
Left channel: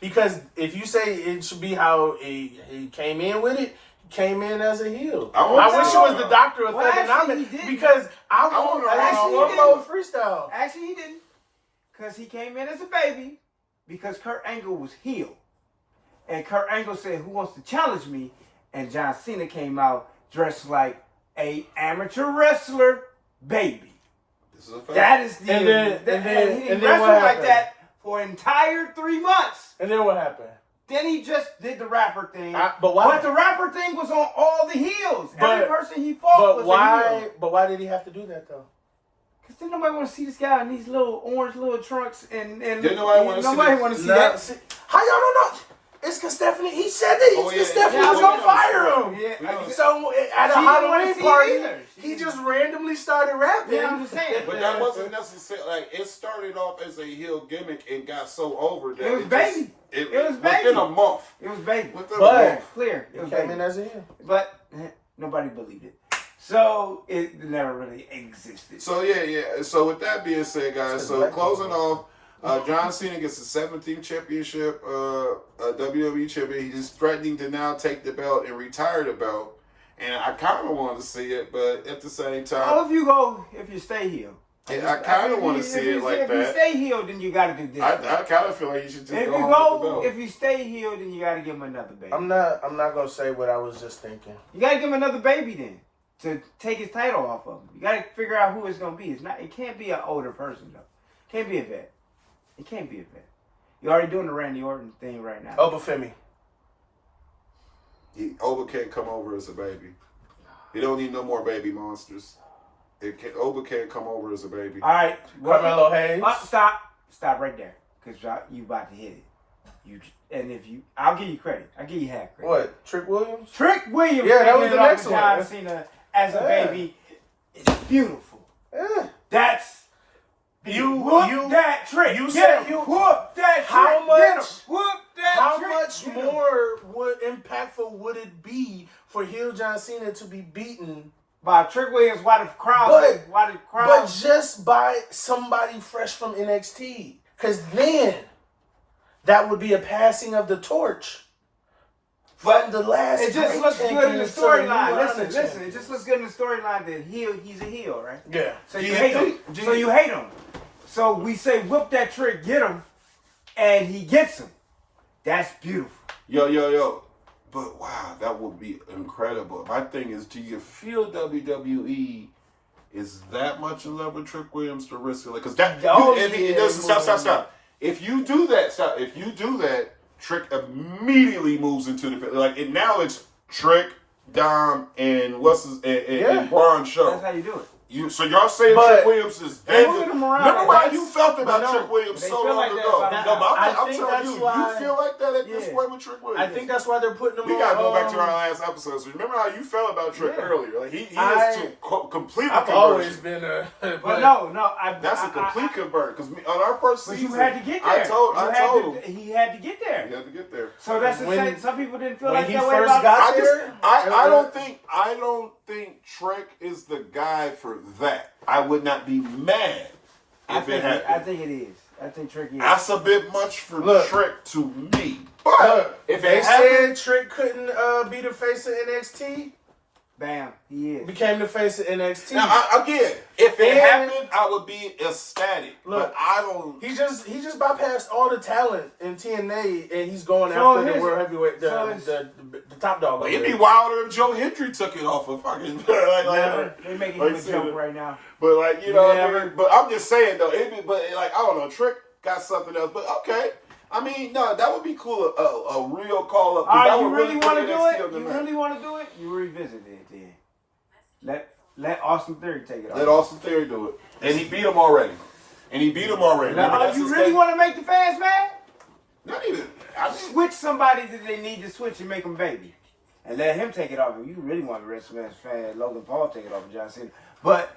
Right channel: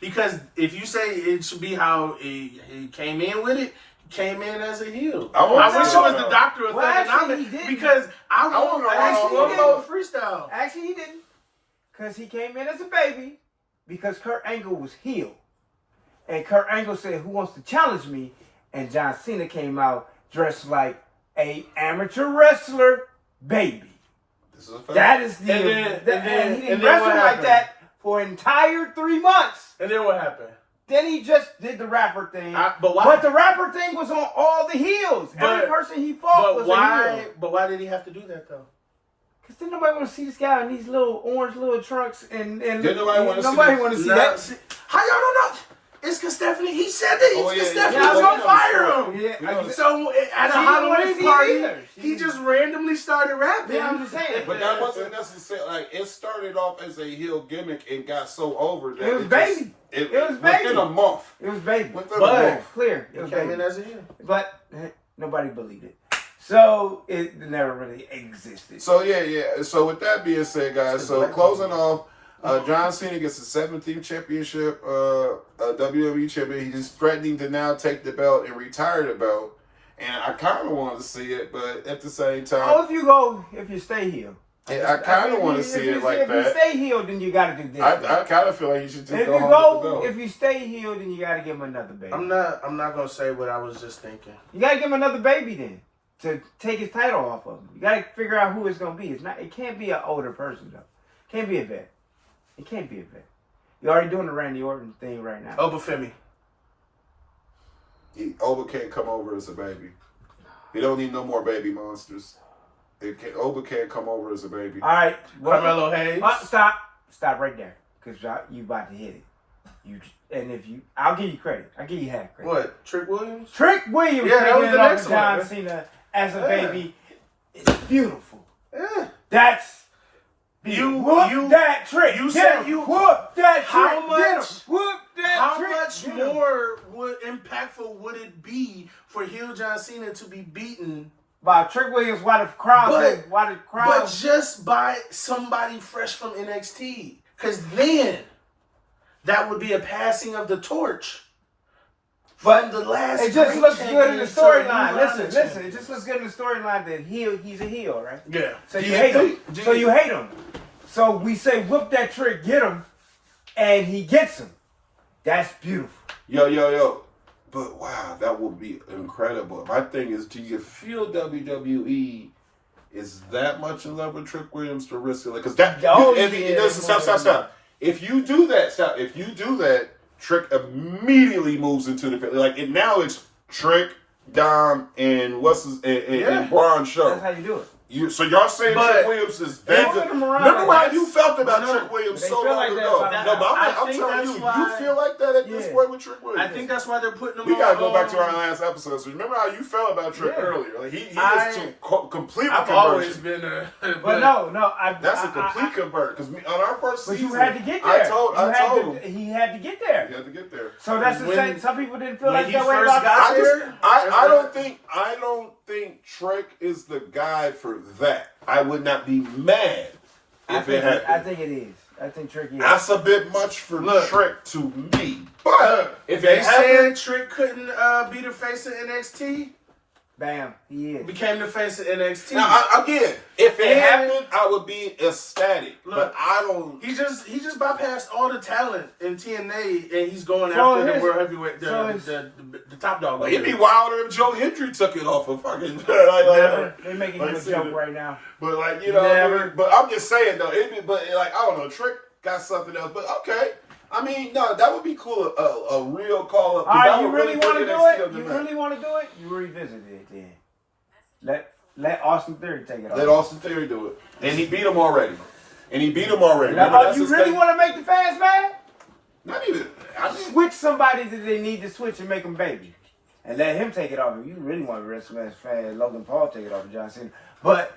Because if you say it should be how he came in with it, he came in as a heel. I wish it was the Doctor of Thugonomics because I want to freestyle. Actually, he didn't. Because he came in as a baby because Kurt Angle was heel. And Kurt Angle said, who wants to challenge me? And John Cena came out dressed like a amateur wrestler baby. This is a fact. That is the... And he didn't wrestle like that for an entire 3 months. And then what happened? Then he just did the rapper thing. But why? But the rapper thing was on all the heels. Every person he fought was a heel. But why did he have to do that, though? Because then nobody want to see this guy in these little orange little trunks. And nobody want to see that. How y'all don't know? It's because Stephanie, he said that. It's Stephanie was going to fire him. Yeah, so at a Halloween party, he just randomly started rapping. Yeah, I'm just saying. But that wasn't necessarily, like, it started off as a heel gimmick and got so over that it was baby. It was baby. Within a month. It was baby. But clear. It was came baby. in as a heel. But nobody believed it. So it never really existed. So yeah. So with that being said, guys, so closing off, John Cena gets the 17th championship, WWE champion. He's threatening to now take the belt and retire the belt. And I kind of want to see it, but at the same time, well, if you stay heel. I kind of want to see it like that. If you stay heel, then you got to do this. I kind of feel like you should just go home with the belt. If you stay heel, then you got to give him another baby. I'm not gonna say what I was just thinking. You got to give him another baby then to take his title off of him. You got to figure out who it's gonna be. It can't be an older person though. It can't be a vet. It can't be a vet. You're already doing the Randy Orton thing right now. Obafemi. Oba can't come over as a baby. He don't need no more baby monsters. Oba can't come over as a baby. All right. Carmelo Hayes. Stop right there. Because you about to hit it. I'll give you credit. I'll give you half credit. What? Trick Williams? Trick Williams. Yeah, that was the next one. John Cena as a baby. It's beautiful. Yeah. That's... You whoop that trick. You said you whoop that trick. How much? Whoop that how trick. How much more impactful would it be for heel John Cena to be beaten by Trick Williams? Why the crowd? But just by somebody fresh from NXT, because then that would be a passing of the torch. But the last, it just looks good in the storyline. Listen. It just looks good in the storyline that he's a heel, right? Yeah. So you hate him. So you hate him. So we say, whoop that trick, get him, and he gets him. That's beautiful. Yo. But wow, that would be incredible. My thing is, do you feel WWE is that much in love with Trick Williams to risk it? Because stop. If you do that, Trick immediately moves into the and now it's Trick, Dom, and and Braun show. That's how you do it. So y'all saying Trick Williams is dead? Remember how you felt about Trick Williams so long ago? I'm telling you, you feel like that at this point with Trick Williams. I think that's why they're putting him. We gotta go back to our last episode. So remember how you felt about Trick earlier? Like he is completely conversion. I've always been a. But no, that's a complete convert. Because on our first season, you had to get there. I told him he had to get there. He had to get there. So that's the same. Some people didn't feel like that way about I don't think Trick is the guy for that. I would not be mad if it happened. I think it is. I think Trick is. That's a bit much for Trick to me. But if they it happened, said Trick couldn't be the face of NXT. Bam, he is. Became the face of NXT. Now, again, if it happened, I would be ecstatic. But I don't. He just bypassed all the talent in TNA, and he's going after the world heavyweight, the top dog. Like, it'd be wilder if Joe Hendry took it off of fucking. They're making him a joke right now. But I mean, but I'm just saying though, I don't know, Trick got something else. But okay. I mean, no, that would be cool. A real call up. All right, you really want to do it? You really want to do it? You revisit it then. Let Austin Theory take it off. Let Austin Theory do it, and he beat him already. You really want to make the fans mad? Not even. Switch somebody that they need to switch and make them baby. And let him take it off. If you really want to be a WrestleMania fan, Logan Paul take it off of John Cena. But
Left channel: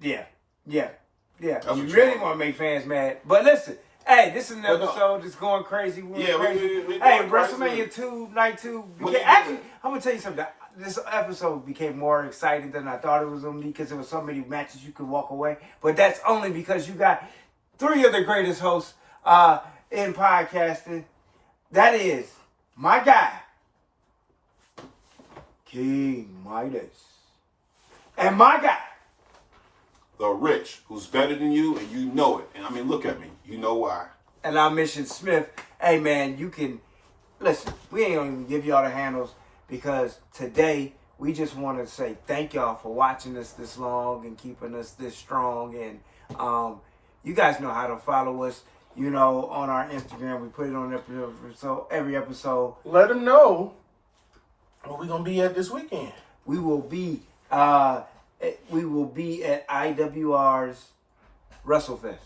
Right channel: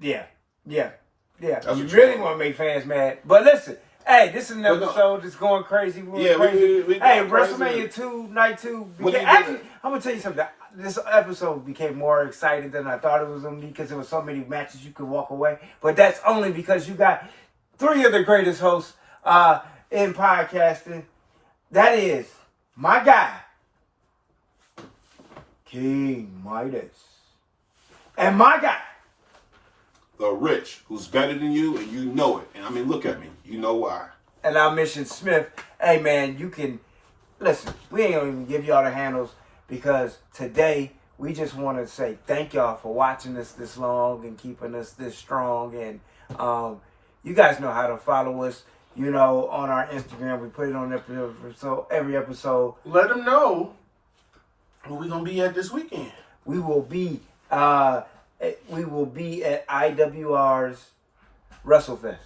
yeah. You really want to make fans mad. But listen, hey, this is an episode that's going crazy. Crazy. Hey, WrestleMania 2, Night 2. Actually, I'm going to tell you something. This episode became more exciting than I thought it was going to be because there were so many matches you could walk away. But that's only because you got 3 of the greatest hosts in podcasting. That is my guy, King Midas. And my guy, the Rich, who's better than you, and you know it. And I mean, look at me. You know why. And I'm Mission Smith. Hey, man, you can... Listen, we ain't gonna even give y'all the handles because today we just want to say thank y'all for watching us this long and keeping us this strong. And you guys know how to follow us. You know, on our Instagram, we put it on every episode. Let them know where we gonna be at this weekend. We will be at IWR's WrestleFest.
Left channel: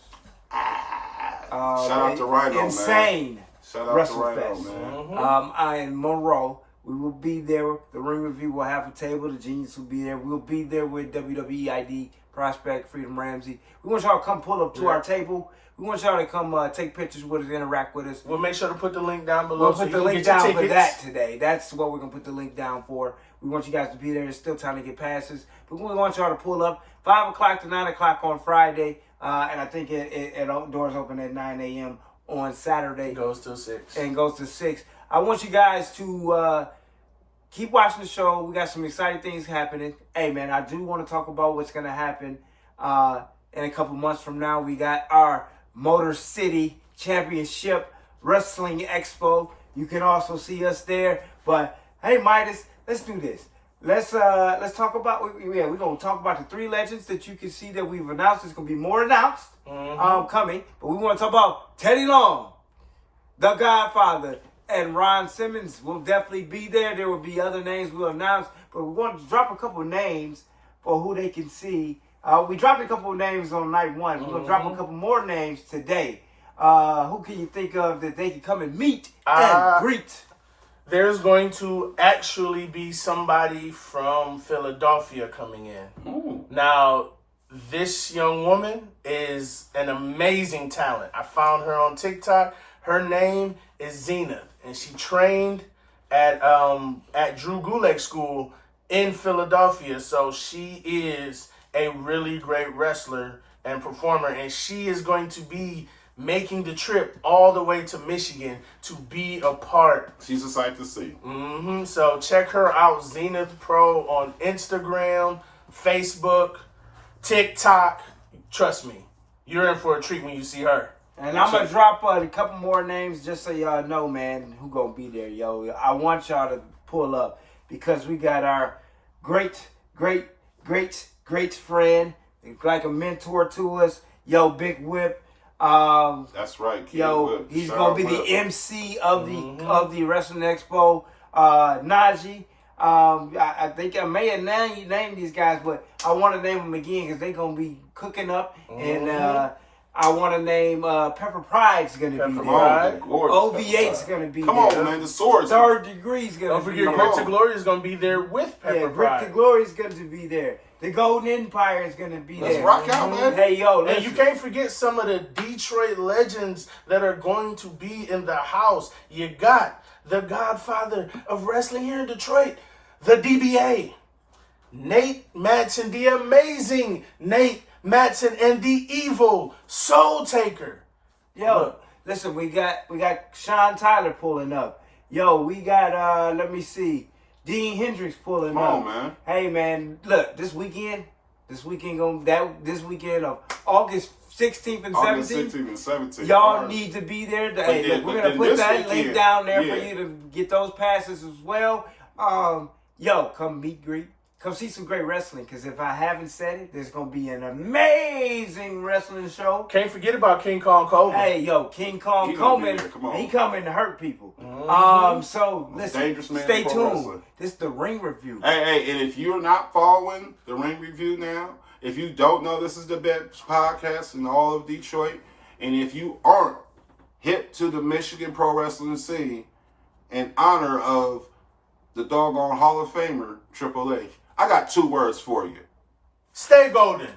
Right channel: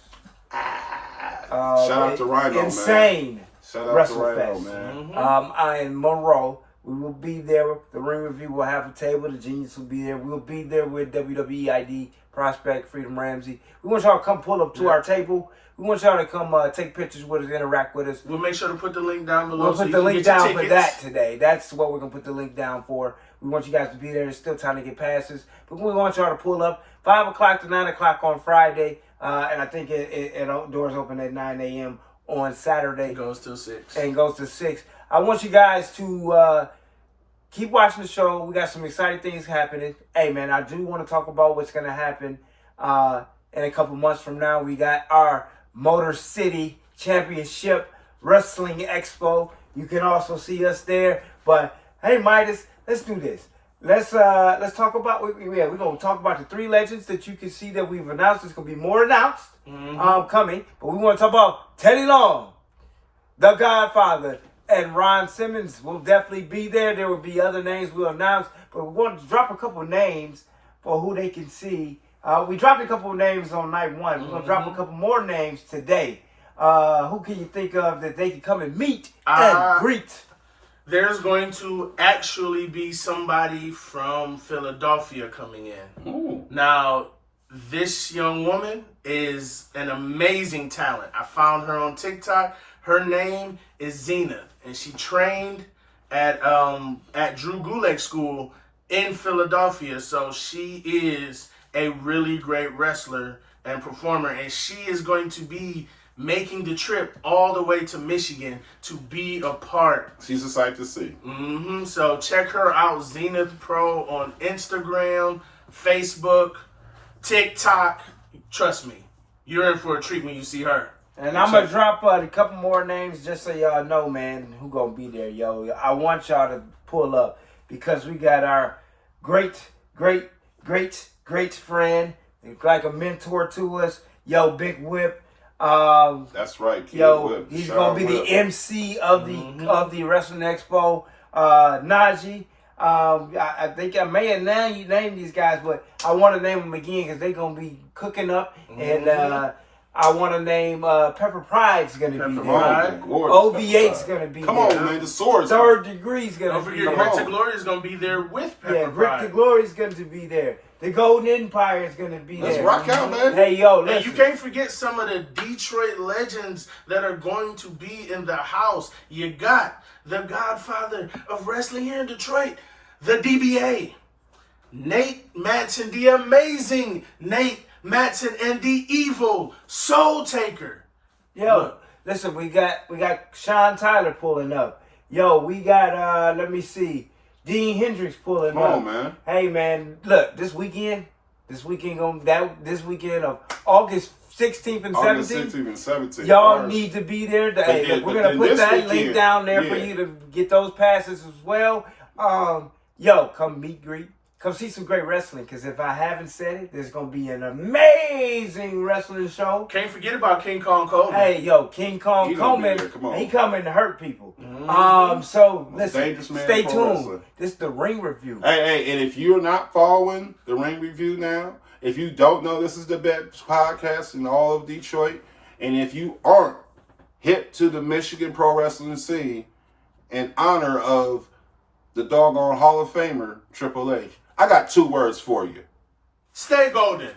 Shout out to Rhino, insane man. Shout out to Rhino, WrestleFest. man. I in Monroe. We will be there. The Ring Review will have a table. The Genius will be there. We'll be there with WWE ID, Prospect, Freedom Ramsey. We want y'all to come pull up to our table. We want y'all to come take pictures with us, interact with us. We'll make sure to put the link down below. We'll put the link down for that today. That's what we're going to put the link down for. We want you guys to be there. There's still time to get passes. But we want y'all to pull up 5 o'clock to 9 o'clock on Friday. And I think doors open at 9 a.m. on Saturday. It goes till 6. And goes to 6. I want you guys to keep watching the show. We got some exciting things happening. Hey, man, I do want to talk about what's going to happen in a couple months from now. We got our Motor City Championship Wrestling Expo. You can also see us there. But hey, Midas, let's do this. Let's talk about we're gonna talk about the 3 legends that you can see that we've announced. There's gonna be more announced coming, but we want to talk about Teddy Long, The Godfather, and Ron Simmons will definitely be there. There will be other names we'll announce, but we want to drop a couple of names for who they can see. We dropped a couple of names on night 1. We're gonna drop a couple more names today. Who can you think of that they can come and meet and greet? There's going to actually be somebody from Philadelphia coming in. Ooh. Now, this young woman is an amazing talent. I found her on TikTok. Her name is Zenith, and she trained at Drew Gulak School in Philadelphia. So she is a really great wrestler and performer, and she is going to be making the trip all the way to Michigan to be a part. She's a sight to see. So check her out, Zenith Pro, on Instagram, Facebook, TikTok. Trust me, you're in for a treat when you see her. And I'm going to drop a couple more names just so y'all know, man, who going to be there, yo. I want y'all to pull up because we got our great friend, like a mentor to us, yo, Big Whip. That's right, Kid Whip. He's gonna be the MC of the Wrestling Expo. Najee. I think I may have named these guys, but I want to name them again because they're gonna be cooking up. And I want to name Pepper Pride's gonna be there. OV8's gonna be there. Come on, man, the swords. Third Degree's gonna be there. Don't forget, Rick to Glory is gonna be there with Pepper Pride. Rick to Glory is gonna be there. The Golden Empire is gonna be there. Let's rock out, man. Hey, yo, listen. And you can't forget some of the Detroit legends that are going to be in the house. You got the Godfather of wrestling here in Detroit, the DBA, Nate Matson, the amazing Nate Matson, and the evil Soul Taker. Yo, listen, we got Sean Tyler pulling up. Yo, we got let me see, Dean Hendricks pulling up. Come on, man. Hey, man, look, this weekend of August 16th and 17th. Y'all need to be there. Hey, look, we're gonna put that link down there for you to get those passes as well. Yo, come meet, greet. Come see some great wrestling, because if I haven't said it, there's going to be an amazing wrestling show. Can't forget about King Kong Coleman. Hey, yo, King Kong Coleman, he coming to hurt people. So, listen, stay tuned. This is the Ring Review. Hey, and if you're not following the Ring Review now, if you don't know this is the best podcast in all of Detroit, and if you aren't hit to the Michigan pro wrestling scene in honor of the doggone Hall of Famer, Triple H. I got 2 words for you. Stay golden.